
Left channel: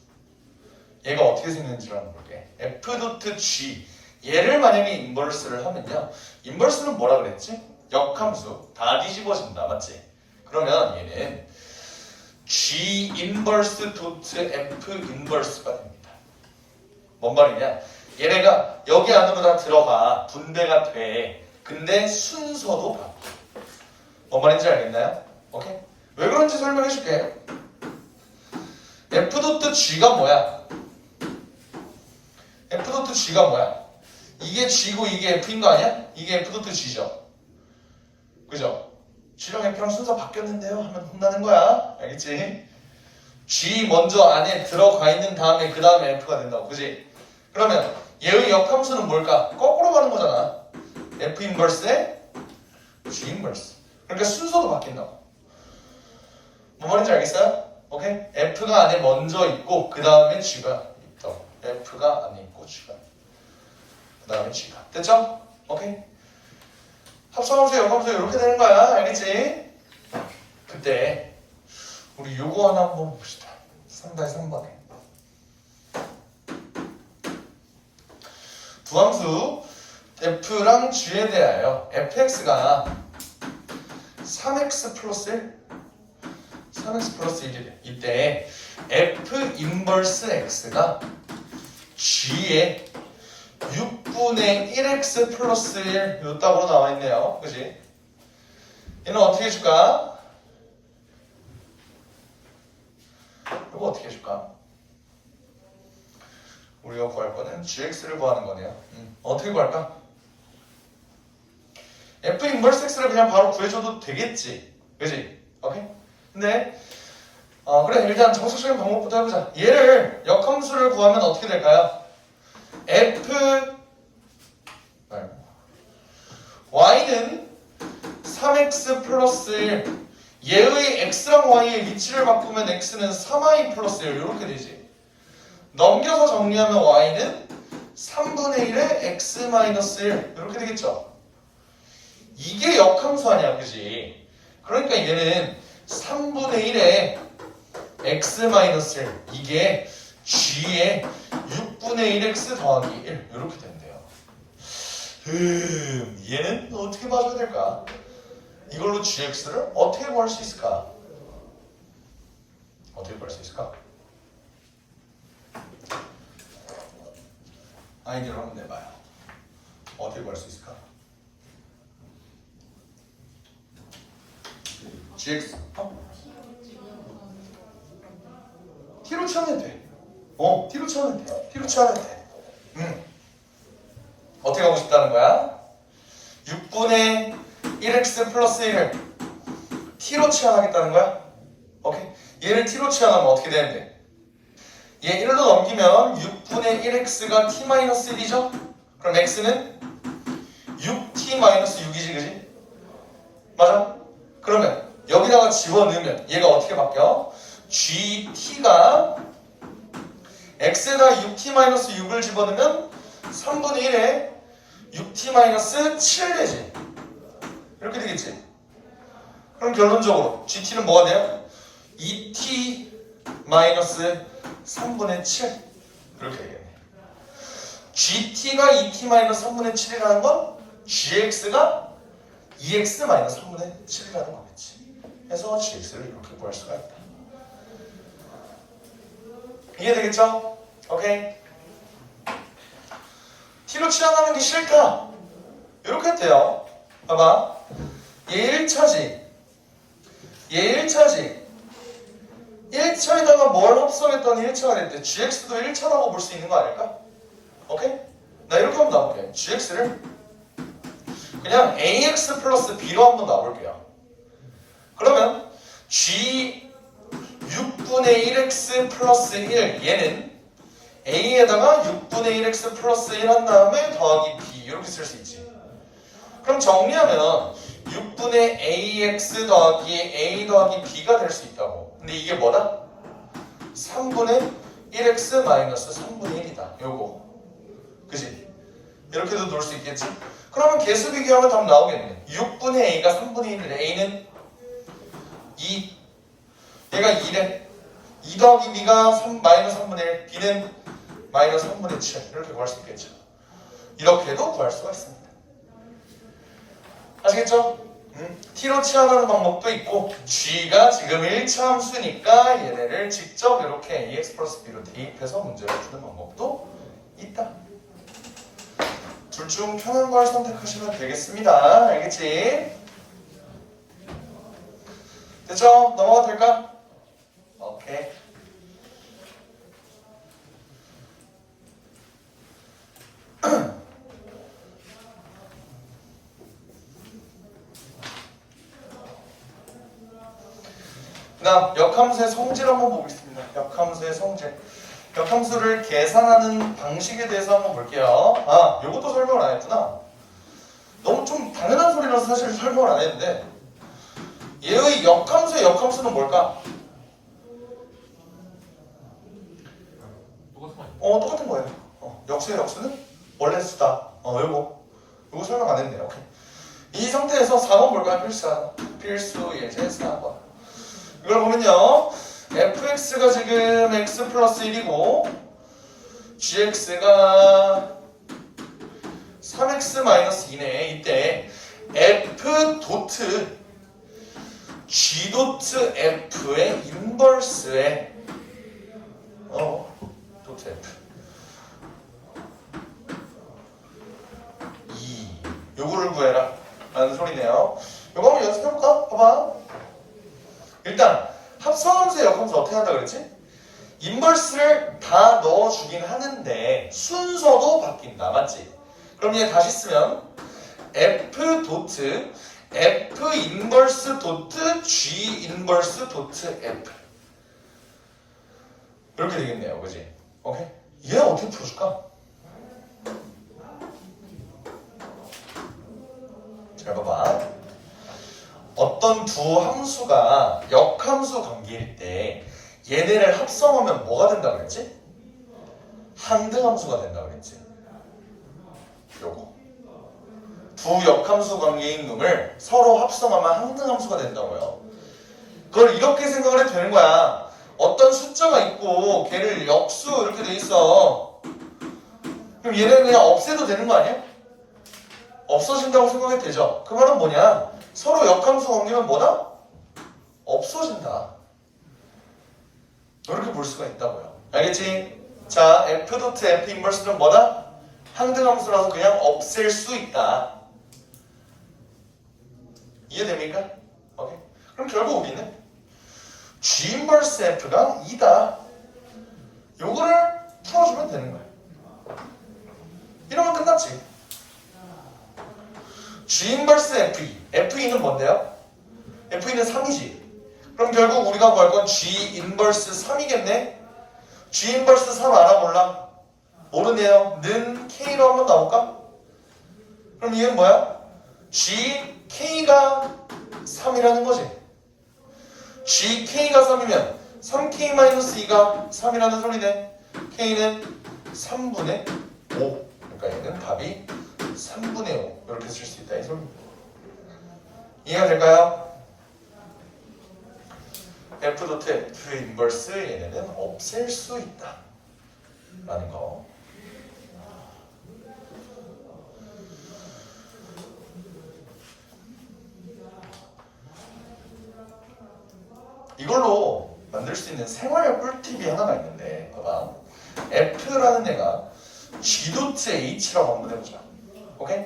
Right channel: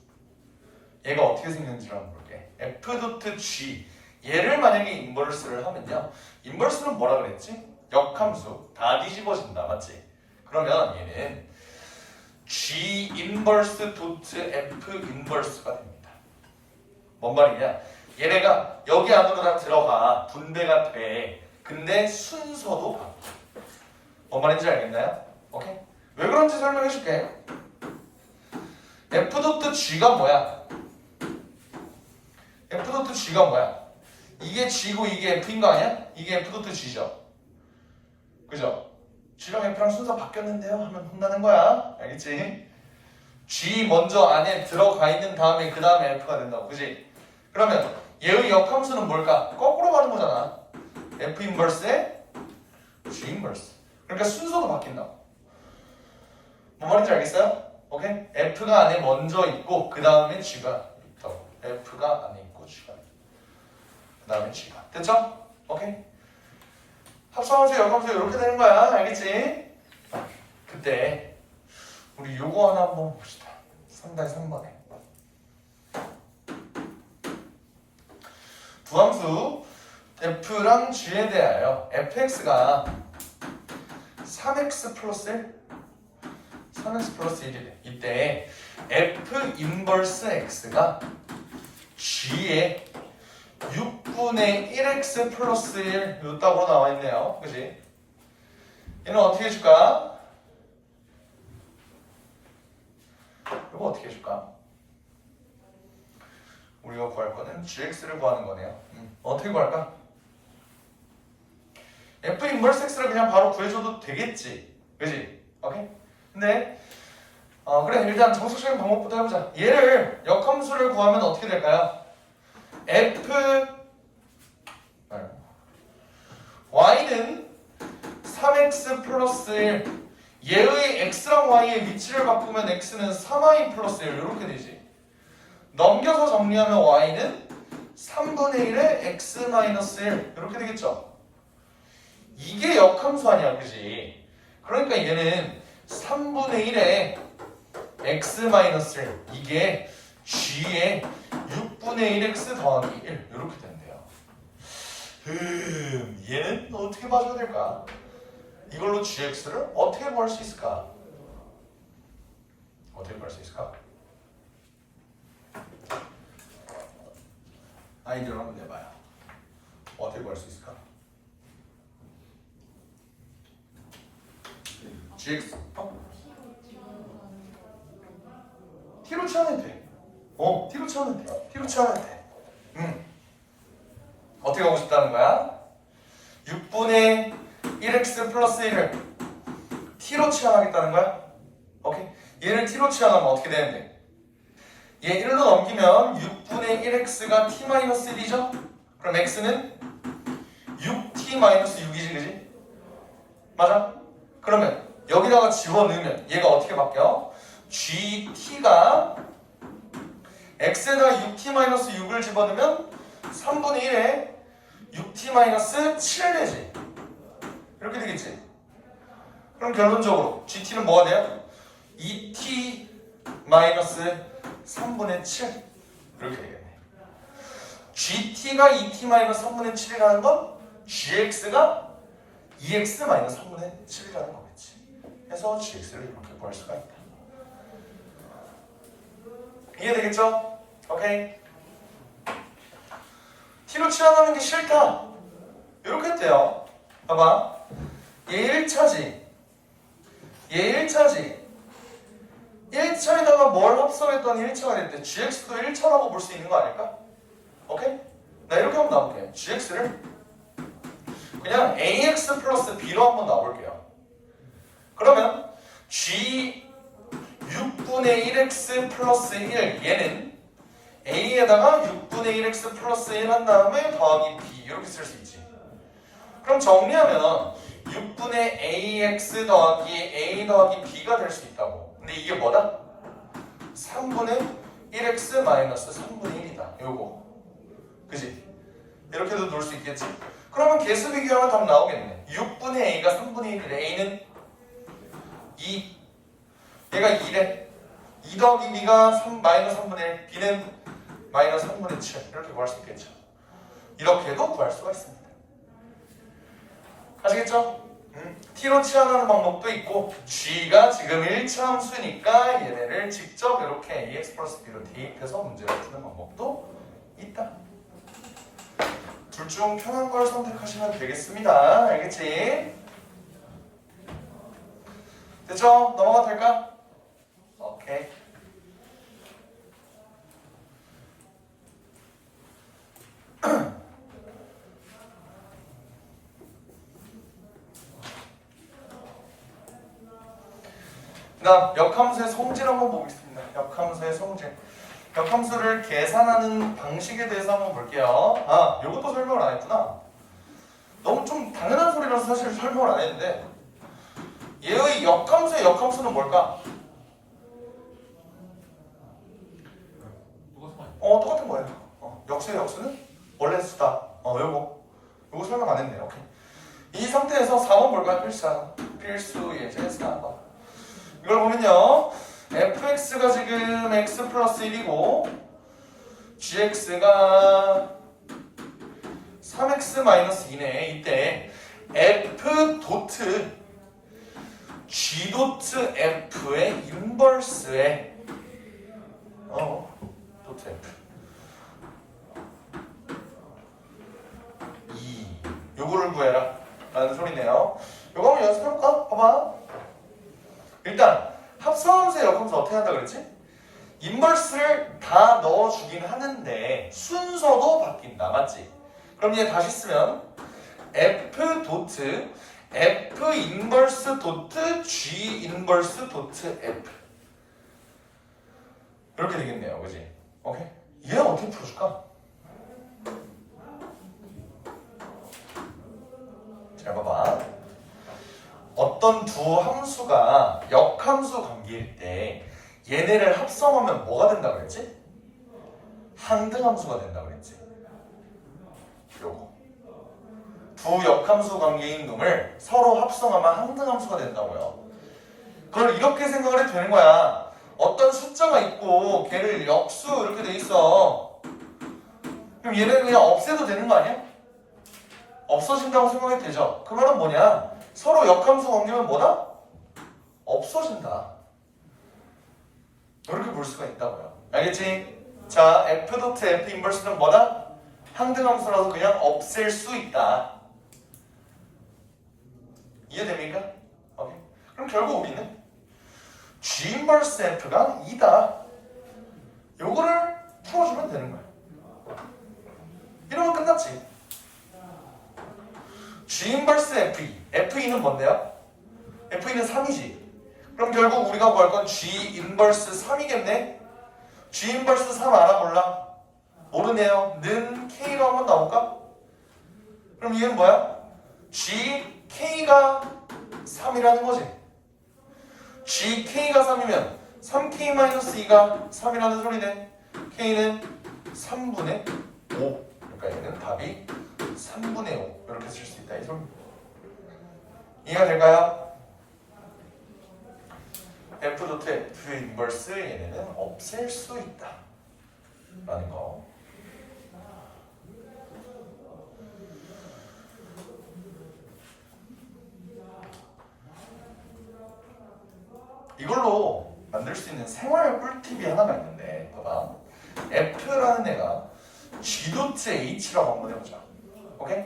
얘가 어떻게 생겼는지를 한번 볼게. f.g. 얘를 만약에 인버스를 하면요. 인버스는 뭐라 그랬지? 역함수. 다 뒤집어진다. 맞지? 그러면 얘는 g 인버스 도트 f 인버스가 됩니다. 뭔 말이냐? 얘네가 여기 안으로 다 들어가 분배가 돼. 근데 순서도 바뀌어. 뭔 말인지 알겠나요? 오케이? 왜 그런지 설명해 줄게. f.g가 뭐야? f.g가 뭐야? 이게 g고 이게 f인 거 아니야? 이게 f.g죠. 그죠? g랑 f랑 순서 바뀌었는데요? 하면 혼나는 거야. 알겠지? g 먼저 안에 들어가 있는 다음에 그 다음에 f가 된다고. 그지? 그러면 얘의 역함수는 뭘까? 거꾸로 가는 거잖아. f 인버스에 g 인버스. 그러니까 순서도 바뀐다고. 뭔 말인지 알겠어요? 오케이? F가 안에 먼저 있고 그 다음에 G가 있다고. F가 안에 있고 G가 그 다음에 G가. 됐죠? 오케이? 합성함수, 역함수 이렇게 되는 거야. 알겠지? 그때 우리 요거 하나 한번 봅시다. 3-3번에 두함수 F랑 G에 대하여 fx가 3x 플러스 1? 3x 플러스 1이래. 이때 f 인버스 x가 g의 6분의 1x 플러스 1 요따구로 나와 있네요. 그지? 얘는 어떻게 해줄까? 이거 어떻게 해줄까? 우리가 구할 거는 gx를 구하는 거네요. 어떻게 구할까? f 인버스 x를 그냥 바로 구해줘도 되겠지. 그지? 오케이? 근데 그래 일단 정석적인 방법부터 해보자. 얘를 역함수를 구하면 어떻게 될까요? f y는 3x 플러스 1 얘의 x랑 y의 위치를 바꾸면 x는 3y 플러스 1 이렇게 되지. 넘겨서 정리하면 y는 3분의 1의 x 마이너스 1 이렇게 되겠죠. 이게 역함수 아니야, 그지? 그러니까 얘는 3분의 1의 x-1 이게 g의 6분의 1x 더하기 1 이렇게 된대요. 얘는 어떻게 봐줘야 될까? 이걸로 gx를 어떻게 구할 수 있을까? 어떻게 구할 수 있을까? 아이디어를 한번 내봐요. 어떻게 구할 수 있을까? gx t로 치환해도 돼. t로 치환해도 돼. t로 치환해도 돼. 어떻게 하고 싶다는 거야? 6분의 1x 플러스 1을 t로 치환하겠다는 거야? 오케이? 얘를 t로 치환하면 어떻게 되는데? 얘 1로 넘기면 6분의 1x가 t-1이죠? 그럼 x는 6t-6이지, 그지? 맞아? 그러면 여기다가 집어넣으면 얘가 어떻게 바뀌어? GT가 x에다 6t-6을 집어넣으면 3분의 1에 6t-7 되지. 이렇게 되겠지. 그럼 결론적으로 GT는 뭐가 돼요? 2t 마이너스 3분의 7 이렇게 되겠네. GT가 2t 마이너스 3분의 7이라는 건 GX가 2x 마이너스 3분의 7이라는 거겠지. 해서 GX를 이렇게 구할 수가 있다. 이해되겠죠? 오케이. t로 치환하는 게 싫다. 이렇게 돼요. 봐봐. 얘 1차지. 얘 1차지. 1차에다가 뭘 합성했더니 1차가 됐대. gx도 1차라고 볼 수 있는 거 아닐까? 오케이? 나 이렇게 한번 놔볼게. gx를 그냥 ax 플러스 b로 한번 놔볼게요. 그러면 g 6분의 1x 플러스 1 얘는 a에다가 6분의 1x 플러스 1 한 다음에 더하기 b 이렇게 쓸 수 있지. 그럼 정리하면 6분의 ax 더하기 a 더하기 b가 될 수 있다고. 근데 이게 뭐다? 3분의 1x 마이너스 3분의 1이다. 요거. 그지? 이렇게도 놓을 수 있겠지? 그러면 개수 비교하면 답 나오겠네. 6분의 a가 3분의 1이래. a는 2. 얘가 2래. 2 더하기 b가 3, 마이너스 3분의 1. b는 마이너스 3분의 7. 이렇게 구할 수 있겠죠. 이렇게도 구할 수가 있습니다. 아시겠죠? t로 치환하는 방법도 있고 g가 지금 1차 함수니까 얘네를 직접 이렇게 ax 플러스 b로 대입해서 문제를 푸는 방법도 있다. 둘 중 편한 걸 선택하시면 되겠습니다. 알겠지? 됐죠? 넘어가도 될까? 오케이. 그 다음 역함수의 성질 한번 보겠습니다. 역함수의 성질. 역함수를 계산하는 방식에 대해서 한번 볼게요. 아, 요것도 설명을 안 했구나. 너무 좀 당연한 소리라서 사실 설명을 안 했는데 얘의 역함수의 역함수는 뭘까? 똑같은 거예요. 역수의 역수는 원래 수다. 요거 설명 안 했네요. 오케이. 이 상태에서 4번 볼까요? 필수 예제 4번. 이걸 보면요. fx가 지금 x 플러스 1이고 gx가 3x 마이너스 2네. 이때 f 도트 g 도트 f의 인버스에 도트 f 2 요거를 구해라 라는 소리네요. 요거 한번 연습해볼까? 봐봐. 일단 합성함수의 역함수 어떻게 한다 그랬지? 인버스를 다 넣어주긴 하는데 순서도 바뀐다. 맞지? 그럼 얘 다시 쓰면 f 도트 f 인버스 도트 g 인버스 도트 f 이렇게 되겠네요. 그지? 오케이? 얘 어떻게 풀어줄까? 잘 봐봐. 어떤 두 함수가 역함수 관계일 때 얘네를 합성하면 뭐가 된다 그랬지? 항등함수가 된다 그랬지. 요거 두 역함수 관계인 놈을 서로 합성하면 항등함수가 된다고요. 그걸 이렇게 생각을 해도 되는 거야. 어떤 숫자가 있고 걔를 역수 이렇게 돼 있어. 그럼 얘네는 그냥 없애도 되는 거 아니야? 없어진다고 생각해도 되죠. 그 말은 뭐냐? 서로 역함수 옮기면 뭐다? 없어진다. 이렇게 볼 수가 있다고요. 알겠지? 자, f 도트 f 인버스는 뭐다? 항등함수라서 그냥 없앨 수 있다. 이해됩니까? 오케이. 그럼 결국 우리는 g 인버스 f가 2다. 요거를 풀어주면 되는 거야. 이러면 끝났지. g 인버스 f2. f2는 뭔데요? f2는 3이지. 그럼 결국 우리가 구할 건 g 인버스 3이겠네? g 인버스 3 알아 몰라? 모르네요. 는 k로 한번 나올까? 그럼 이건 뭐야? g k가 3이라는 거지. g k가 3이면 3k-2가 3이라는 소리네. k는 3분의 5. 그러니까 얘는 답이 3분의 5 이렇게 쓸 수 있다 이 소리. 이해가 될까요? F 도트 F 인버스 얘네는 없앨 수 있다 라는 거. 이걸로 만들 수 있는 생활 꿀팁이 하나가 있는데 봐봐. F라는 애가 G 도트 H라고 한번 해보자. 오케이?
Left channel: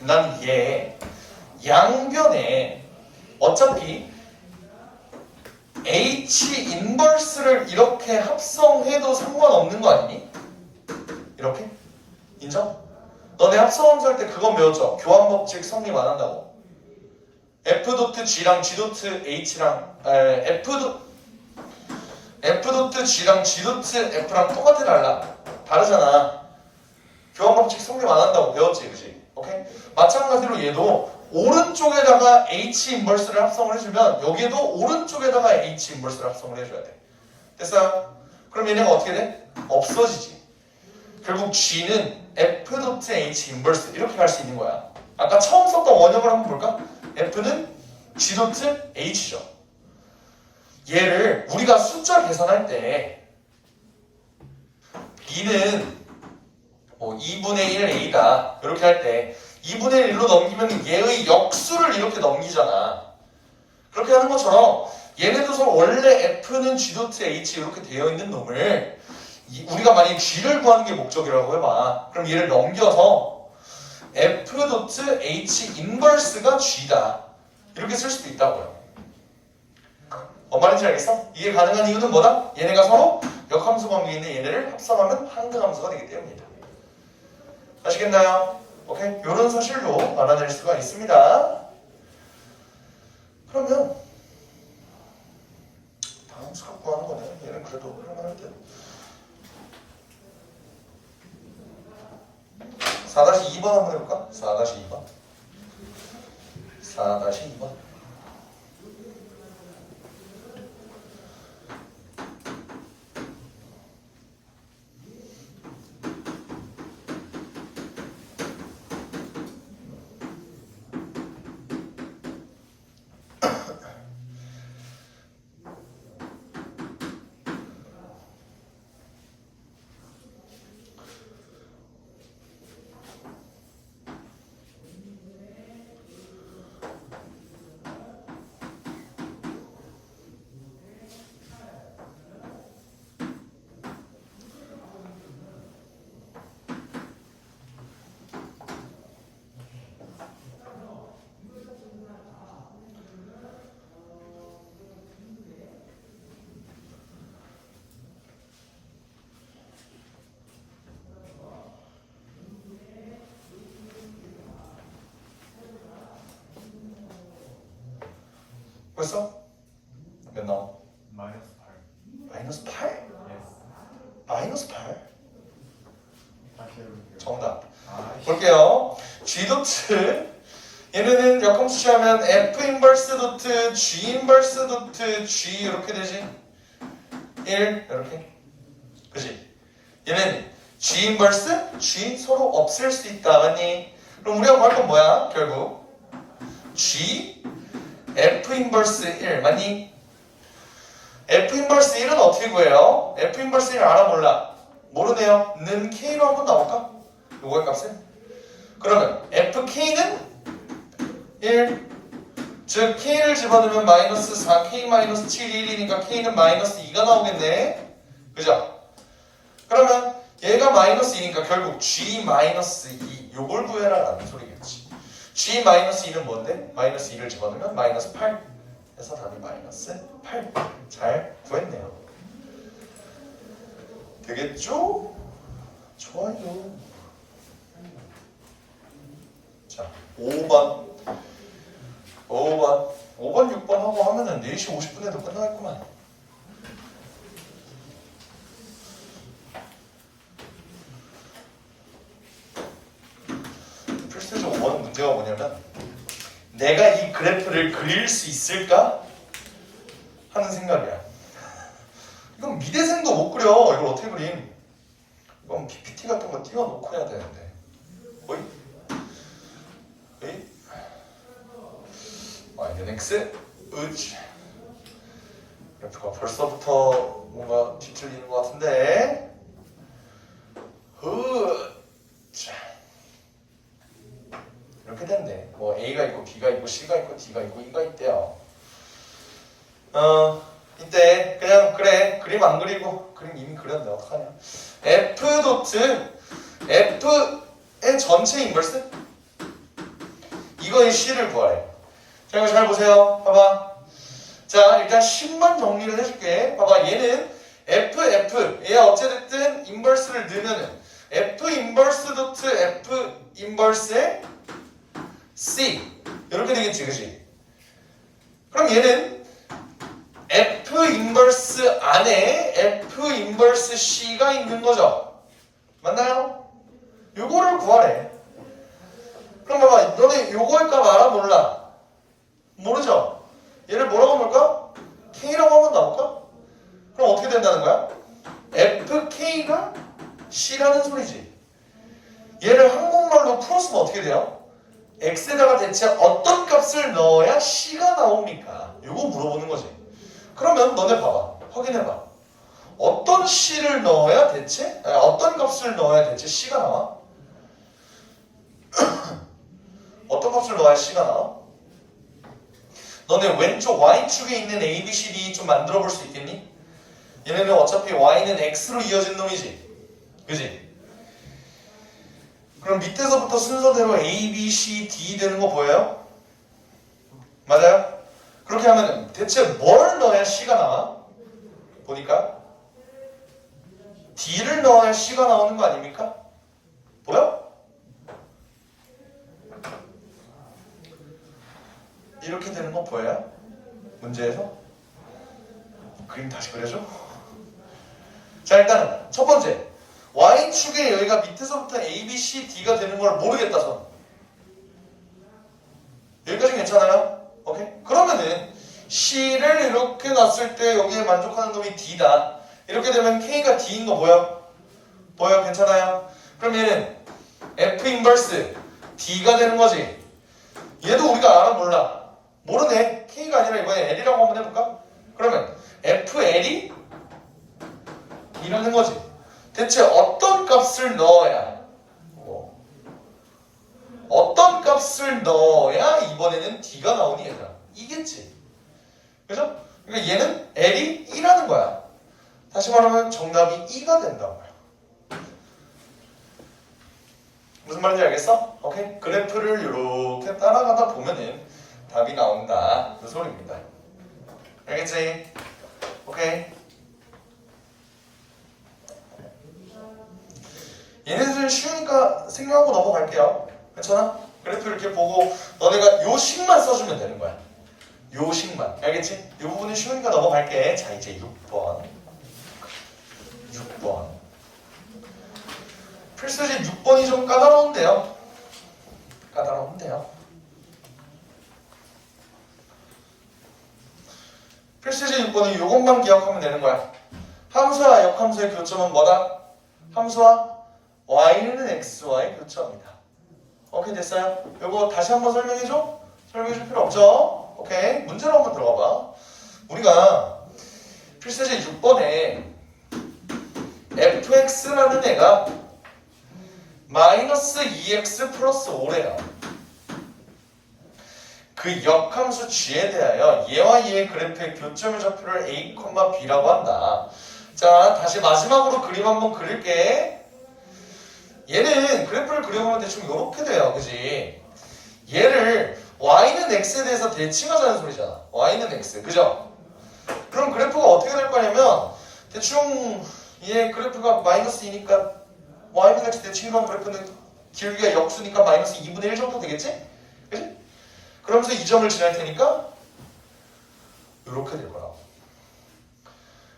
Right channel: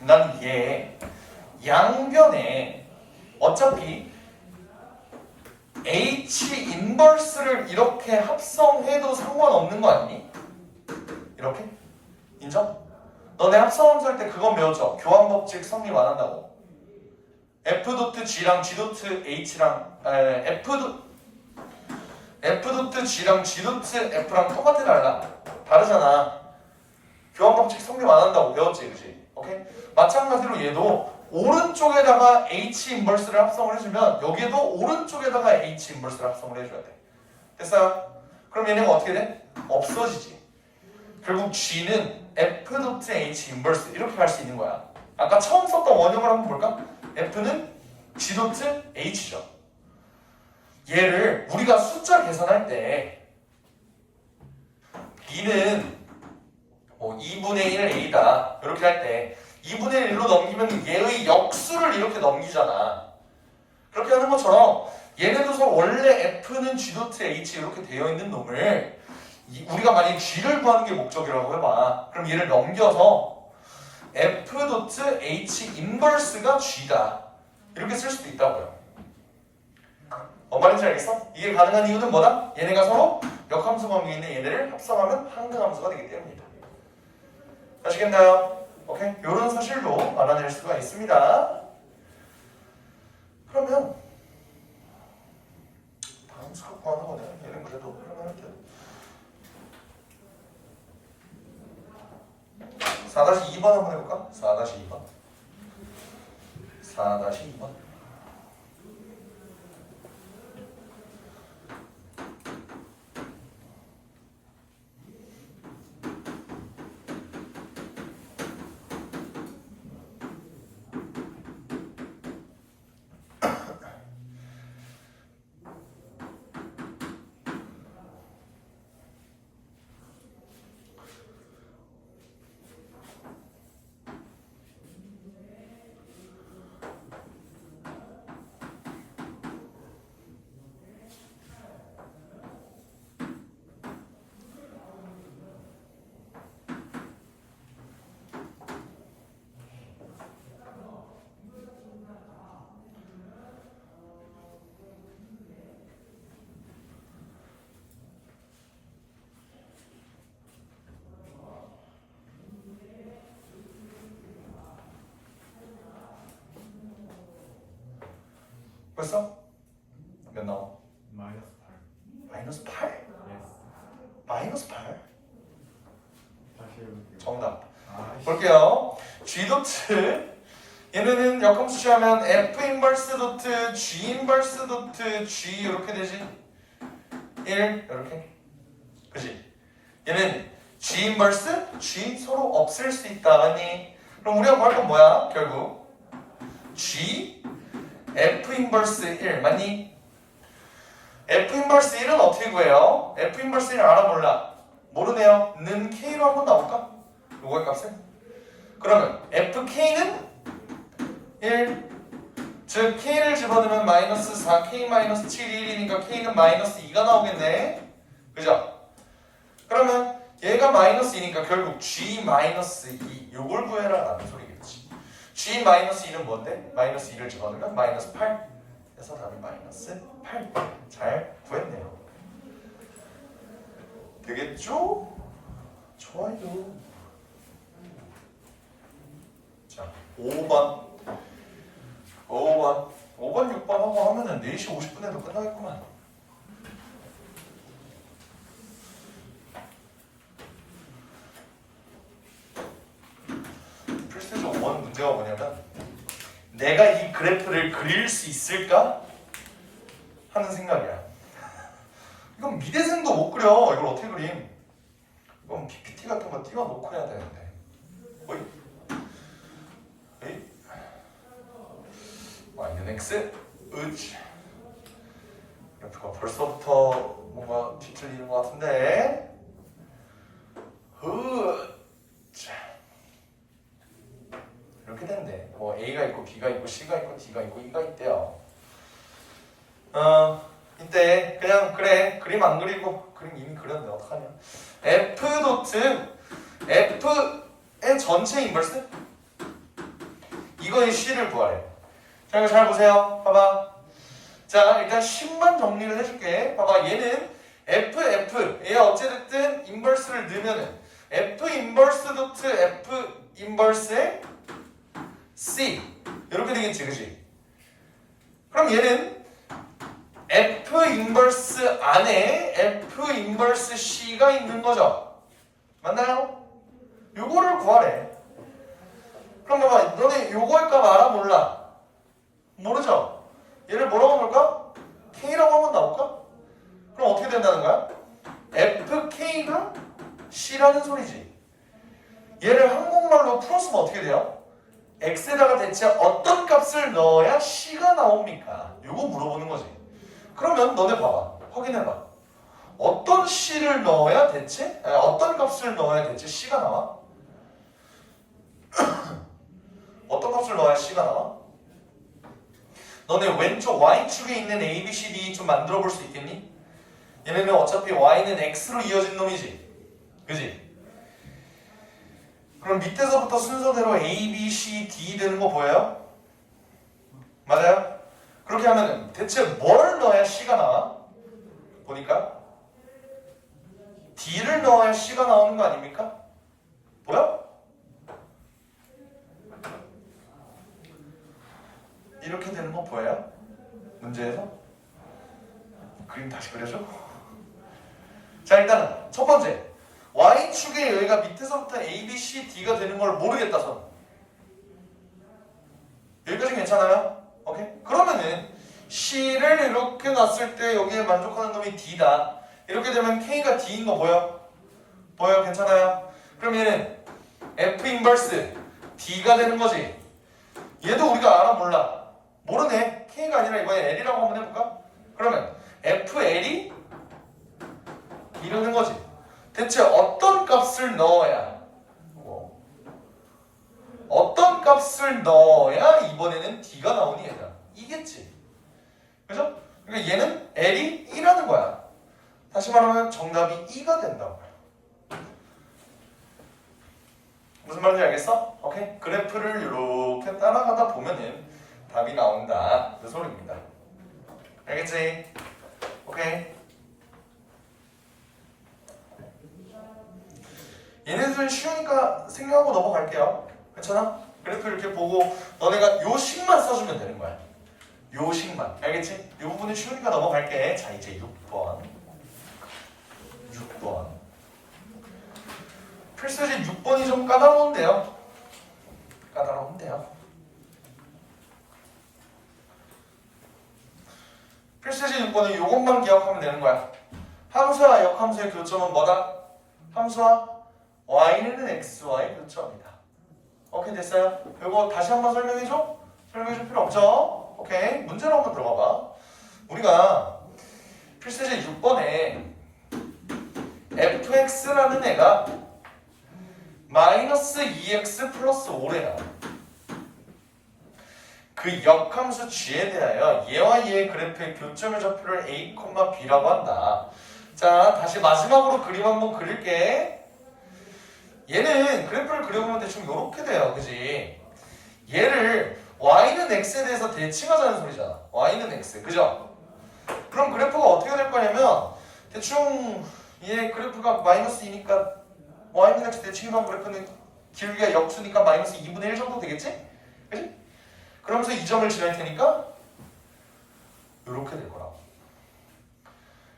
난 얘 양변에 어차피 H 인버스를 이렇게 합성해도 상관없는 거 아니니? 이렇게? 인정? 너네 합성함수 할 때 그건 배웠죠? 교환 법칙 성립 안 한다고. F 도트 G랑 G 도트 H랑 F 도트 G랑 G 도트 F랑 똑같아 달라? 다르잖아. 교환 법칙 성립 안 한다고 배웠지, 그지? 오케이? 마찬가지로 얘도 오른쪽에다가 H 인버스를 합성을 해주면 여기에도 오른쪽에다가 H 인버스를 합성을 해줘야 돼. 됐어요? 그럼 얘네가 어떻게 돼? 없어지지. 결국 G는 F 도트 H 인버스 이렇게 갈 수 있는 거야. 아까 처음 썼던 원형을 한번 볼까? F는 G 도트 H죠. 얘를 우리가 숫자 계산할 때 B는 뭐 2분의 1 A다 이렇게 할 때 2분의 1로 넘기면 얘의 역수를 이렇게 넘기잖아. 그렇게 하는 것처럼 얘네도 서로 원래 F는 G 도트 H 이렇게 되어 있는 놈을 우리가 만약에 G를 구하는 게 목적이라고 해봐. 그럼 얘를 넘겨서 F 도트 H 인버스가 G다 이렇게 쓸 수도 있다고요. 뭔 말인지 알겠어? 이게 가능한 이유는 뭐다? 얘네가 서로 역함수 관계에 있는 얘네를 합성하면 한등함수가 되기 때문이다. 아시겠나요? 오케이? 이런 사실도 알아낼 수가 있습니다. 그러면 다음 수업 구하는 거네요. 얘는 그래도 할만할게요. 4-2번 한번 해볼까? 4-2번 4-2번 벌써? 몇 나옴? 마이너스 8. 마이너스 8? 예스. 마이너스 8? 다시 해볼게요. 정답. 아이씨. 볼게요. G 도트 얘네는 역함수 취하면 F 인버스 도트 G 인버스 도트 G 이렇게 되지? 1 이렇게 그지? 얘는 G 인버스 G 서로 없앨 수 있다 맞니? 그럼 우리가 구할 건 뭐야? 결국 G F 인버스 1 맞니? F 인버스 1은 어떻게 구해요? F 인버스 1 알아 몰라? 모르네요. 는 K로 한번 나올까? 요거의 값을? 그러면 FK는 1 즉 K를 집어넣으면 마이너스 4 K 마이너스 7이 1이니까 K는 마이너스 2가 나오겠네. 그죠? 그러면 얘가 마이너스 2니까 결국 G 마이너스 2 요걸 구해라 라는 소리겠지. G 마이너스 2는 뭔데? 마이너스 2를 집어넣으면 마이너스 8 해서 답이 마이너스 8 잘 구했네요. 되겠죠? 좋아요. 자 5번 5번 6번 하고 하면은 4시 50분에도 끝나겠구만. 필수적 5번 문제가 뭐냐면 내가 이 그래프를 그릴 수 있을까? 하는 생각이야. 이건 미대생도 못 그려. 이걸 어떻게 그림? 이건 PPT 같은 거 띄워놓고 해야 되는데. 어이? 어이? y는 x, 으치 그래프가 벌써부터 뭔가 뒤틀리는 것 같은데. 자. 이렇게 된대. 뭐 A가 있고 B가 있고 C가 있고 D가 있고 E가 있대요. 이때 그냥 그래 그림 안 그리고 그림 이미 그렸는데 어떡하냐. F 도트 F의 전체 인버스 이거의 C를 구하래. 자 이거 잘 보세요. 봐봐. 자 일단 10만 정리를 해줄게. 봐봐 얘는 얘 어찌됐든 인버스를 넣으면은 F 인버스 도트 F 인버스의 C 이렇게 되겠지 그치? 그럼 얘는 F 인버스 안에 F 인버스 C가 있는 거죠. 맞나요? 요거를 구하래. 그럼 봐봐 너네 요거일 값 알아 몰라? 모르죠? 얘를 뭐라고 볼까? K라고 한번 나올까? 그럼 어떻게 된다는 거야? FK가 C라는 소리지. 얘를 한국말로 풀었으면 어떻게 돼요? X에다가 대체 어떤 값을 넣어야 C가 나옵니까? 요거 물어보는 거지. 그러면 너네 봐봐. 확인해봐. 어떤 C를 넣어야 대체? 아니, 어떤 값을 넣어야 대체 C가 나와? 어떤 값을 넣어야 C가 나와? 너네 왼쪽 Y축에 있는 A, B, C, D 좀 만들어 볼 수 있겠니? 얘네는 어차피 Y는 X로 이어진 놈이지. 그지? 그럼 밑에서부터 순서대로 A, B, C, D 되는 거 보여요? 맞아요? 그렇게 하면 대체 뭘 넣어야 C가 나와? 보니까 D를 넣어야 C가 나오는 거 아닙니까? 보여? 이렇게 되는 거 보여요? 문제에서? 그림 다시 그려줘? 자 일단은 첫 번째 Y축에 여기가 밑에서부터 A, B, C, D가 되는 걸 모르겠다 선. 여기까지 괜찮아요? 오케이? 그러면은 C를 이렇게 놨을 때 여기에 만족하는 놈이 D다. 이렇게 되면 K가 D인 거 보여? 보여? 괜찮아요? 그럼 얘는 F 인버스 D가 되는 거지. 얘도 우리가 알아 몰라? 모르네. K가 아니라 이번에 L이라고 한번 해볼까? 그러면 FL이 이러는 거지. 대체 어떤 값을 넣어야 어떤 값을 넣어야 이번에는 D가 나오니 얘들아? 이겠지. 그죠? 그러니까 얘는 L이 2라는 거야. 다시 말하면 정답이 2가 된다고요. 무슨 말인지 알겠어? 오케이? 그래프를 이렇게 따라가다 보면은 답이 나온다. 그 소리입니다. 알겠지? 오케이? 얘네들은 쉬우니까 생략하고 넘어갈게요. 괜찮아? 그래프 이렇게 보고 너네가 요 식만 써주면 되는 거야. 요 식만. 알겠지? 이 부분은 쉬우니까 넘어갈게. 자 이제 6번. 필수지 6번이 좀 까다로운데요. 필수지 6번은 요것만 기억하면 되는 거야. 함수와 역함수의 교점은 뭐다? 함수와 y는 x와의 교점이다. 오케이 됐어요? 요거 다시 한번 설명해줘? 설명해줄 필요 없죠? 오케이 문제로 한번 들어가봐. 우리가 필수제 6번에 fx라는 애가 마이너스 2x 플러스 5래요. 그 역함수 g에 대하여 얘와 얘의 그래프의 교점의 좌표를 a, b라고 한다. 자 다시 마지막으로 그림 한번 그릴게. 얘는 그래프를 그려보면 대충 이렇게 돼요. 그지? 얘를 y는 x에 대해서 대칭하자는 소리잖아. y는 x. 그죠? 그럼 그래프가 어떻게 될 거냐면 대충 얘 그래프가 마이너스 2니까 y는 x 대칭이라는 그래프는 길이가 역수니까 마이너스 2분의 1 정도 되겠지? 그지? 그러면서 이 점을 지날 테니까 이렇게 될 거야.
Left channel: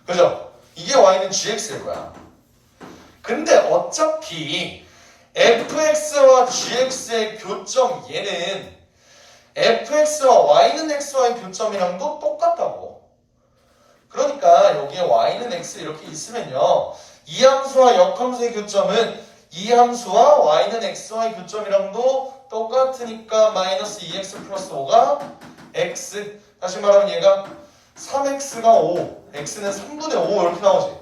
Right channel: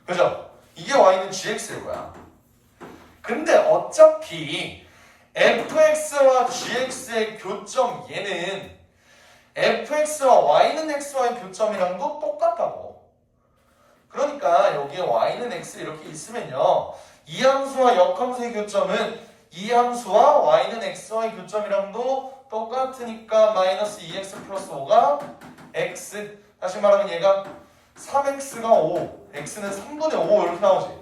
그죠? 이게 y는 gx일 거야. 근데 어차피 fx와 gx의 교점 얘는 fx와 y는 x와의 교점이랑도 똑같다고. 그러니까 여기에 y는 x 이렇게 있으면요 이 함수와 역함수의 교점은 이 함수와 y는 x와의 교점이랑도 똑같으니까 마이너스 2x 플러스 5가 x. 다시 말하면 얘가 3x가 5, x는 3분의 5 이렇게 나오지.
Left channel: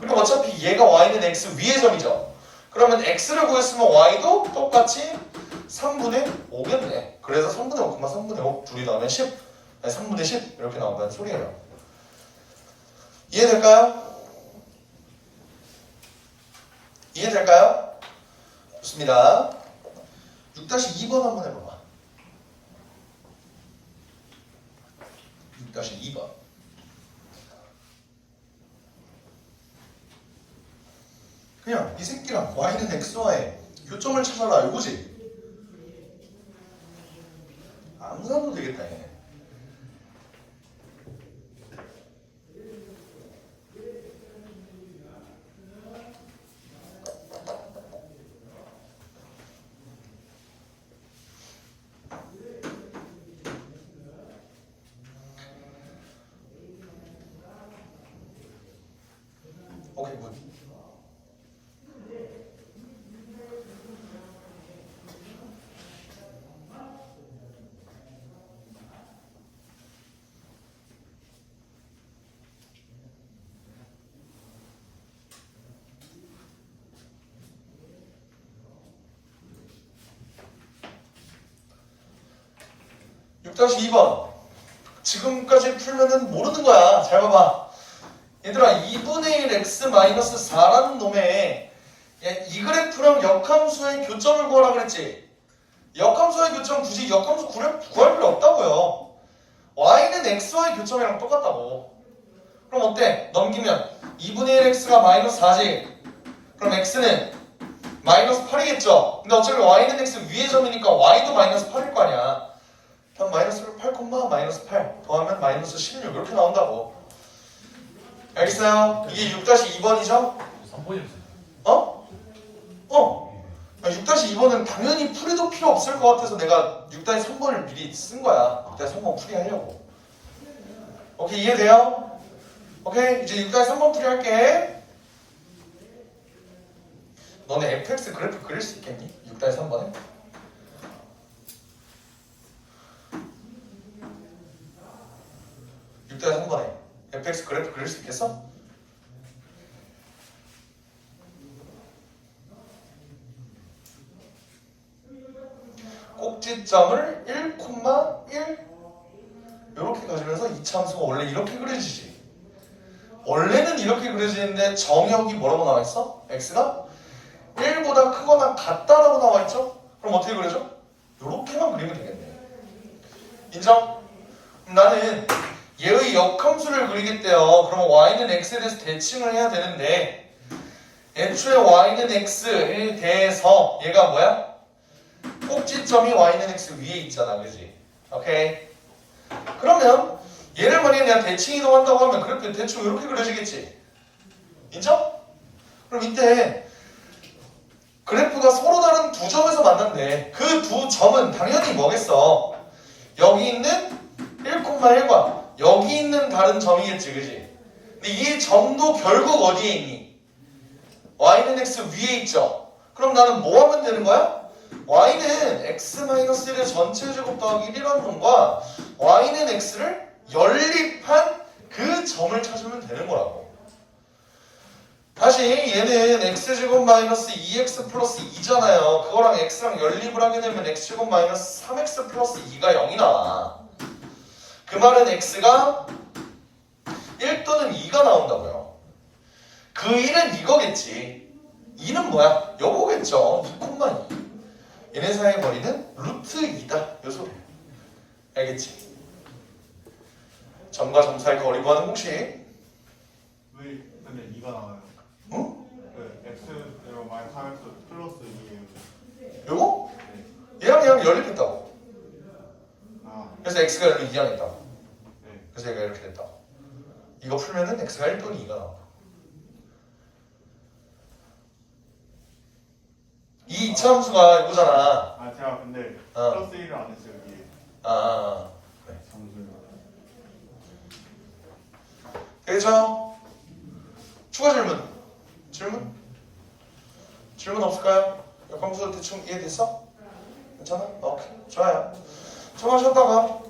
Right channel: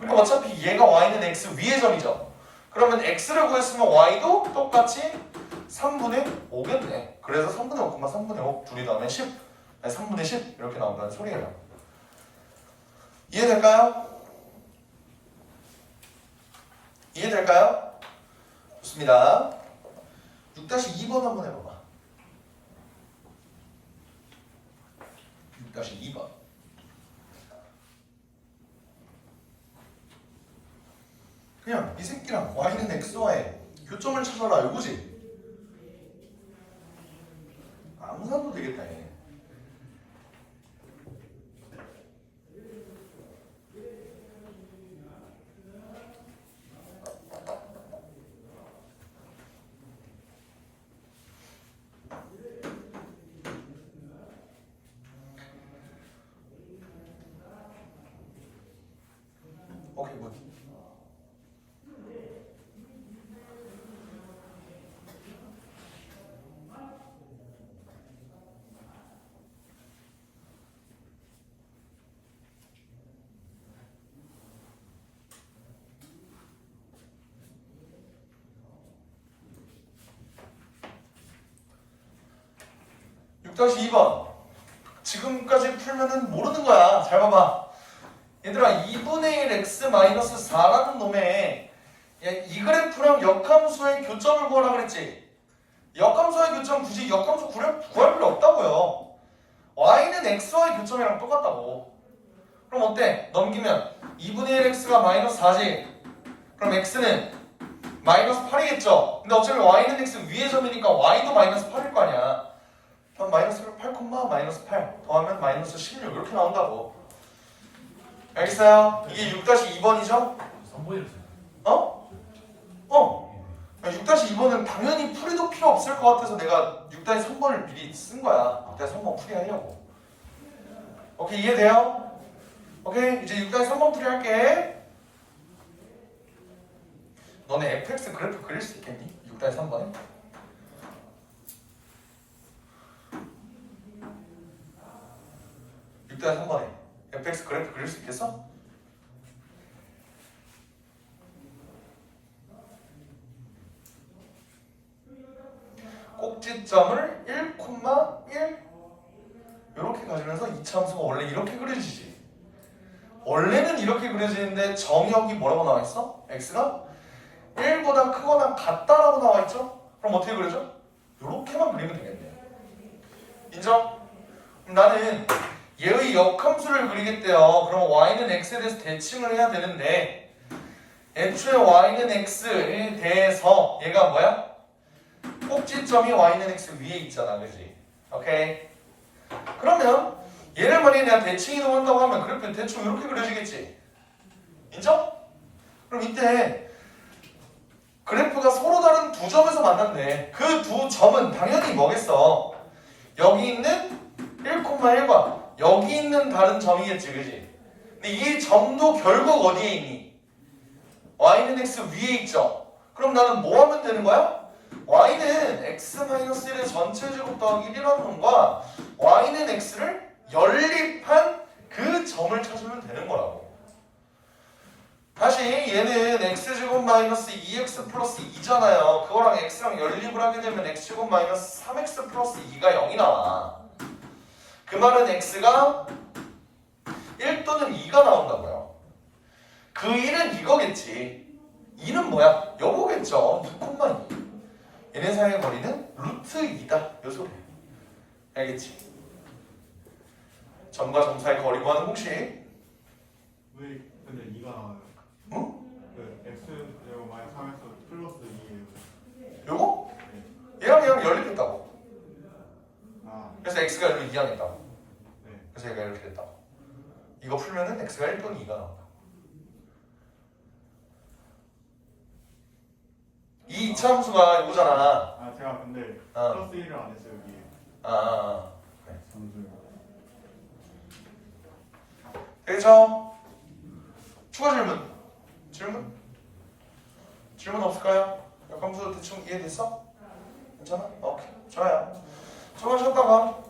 그럼 어차피 얘가 y는 x 위의 점이죠. 그러면 x를 구했으면 y도 똑같이 3분의 5겠네. 그래서 3분의 5, 3분의 5 둘이 나오면 10, 아니 3분의 10 이렇게 나온다는 소리예요. 이해될까요? 이해될까요? 좋습니다. 6-2번 한번 해봐봐. 6-2번. 그냥 이 새끼랑 y는 x와의 교점을 찾아라 이거지. 암산도 되겠다 얘. 오케이 굿. 다시 2번. 지금까지 풀면은 모르는 거야. 잘 봐봐. 얘들아 2분의 1 x 마이너스 4라는 놈에 이 그래프랑 역함수의 교점을 구하라 그랬지. 역함수의 교점 굳이 역함수 구할 필요 없다고요. y는 x와의 교점이랑 똑같다고. 그럼 어때? 넘기면 2분의 1 x가 마이너스 4지. 그럼 x는 마이너스 8이겠죠. 근데 어차피 y는 x 위의 점이니까 y도 마이너스 8일 거 아니야. 그럼 마이너스 8, 마이너스 8 더하면 마이너스 16 이렇게 나온다고. 알겠어요? 이게 6-2번이죠? 3번이었어요. 어? 6-2번은 당연히 풀이도 필요 없을 것 같아서 내가 6-3번을 미리 쓴 거야. 6-3번 풀이하려고. 오케이 이해돼요? 오케이 이제 6-3번 풀이할게. 너네 fx 그래프 그릴 수 있겠니? 6-3번에? fx 그래프 그릴 수 있겠어? 꼭지점을 1,1 이렇게 가지면서 이차함수가 원래 이렇게 그려지지. 원래는 이렇게 그려지는데 정역이 뭐라고 나와 있어? x가 1보다 크거나 같다라고 나와 있죠? 그럼 어떻게 그려져? 이렇게만 그리면 되겠네. 인정? 그럼 나는 얘의 역함수를 그리겠대요. 그러면 y는 x에 대해서 대칭을 해야 되는데 애초에 y는 x에 대해서 얘가 뭐야? 꼭지점이 y는 x 위에 있잖아, 그지? 오케이. 그러면 얘를 만약에 내가 대칭 이동한다고 하면 그래프 대충 이렇게 그려지겠지? 인정? 그럼 이때 그래프가 서로 다른 두 점에서 만난대. 그 두 점은 당연히 뭐겠어? 여기 있는 1,1과 여기 있는 다른 점이겠지, 그지? 근데 이 점도 결국 어디에 있니? y는 x 위에 있죠? 그럼 나는 뭐 하면 되는 거야? y는 x-1의 전체 제곱 더하기 1이라는 놈과 y는 x를 연립한 그 점을 찾으면 되는 거라고. 다시 얘는 x제곱 마이너스 2x 플러스 2잖아요. 그거랑 x랑 연립을 하게 되면 x제곱 마이너스 3x 플러스 2가 0이 나와. 그 말은 x가 1 또는 2가 나온다고요. 그 1은 이거겠지. 2는 뭐야? 요거겠죠. 2,2. 얘네 사이의 거리는 루트 2다. 요 소리야. 알겠지? 점과 점 사이 거리 구하는 공식. 왜 근데 2가 나와요? 응? 그 x 제곱 마이너스 3x 플러스 2예요. 요거? 얘랑 연립했다고. 아, 그래서 x가 연립 2랑 했다고. 네. 그래서 얘가 이렇게 됐다고. 이거 풀면은 x가 1 또는 2가 나와. 이 이차함수가 이거잖아. 아 제가 근데 플러스 1을 안 했어요 여기. 그래. 잠시만요. 되겠죠? 추가 질문 없을까요? 역함수 대충 이해됐어? 괜찮아? 오케이 좋아요. 조금 쉬었다가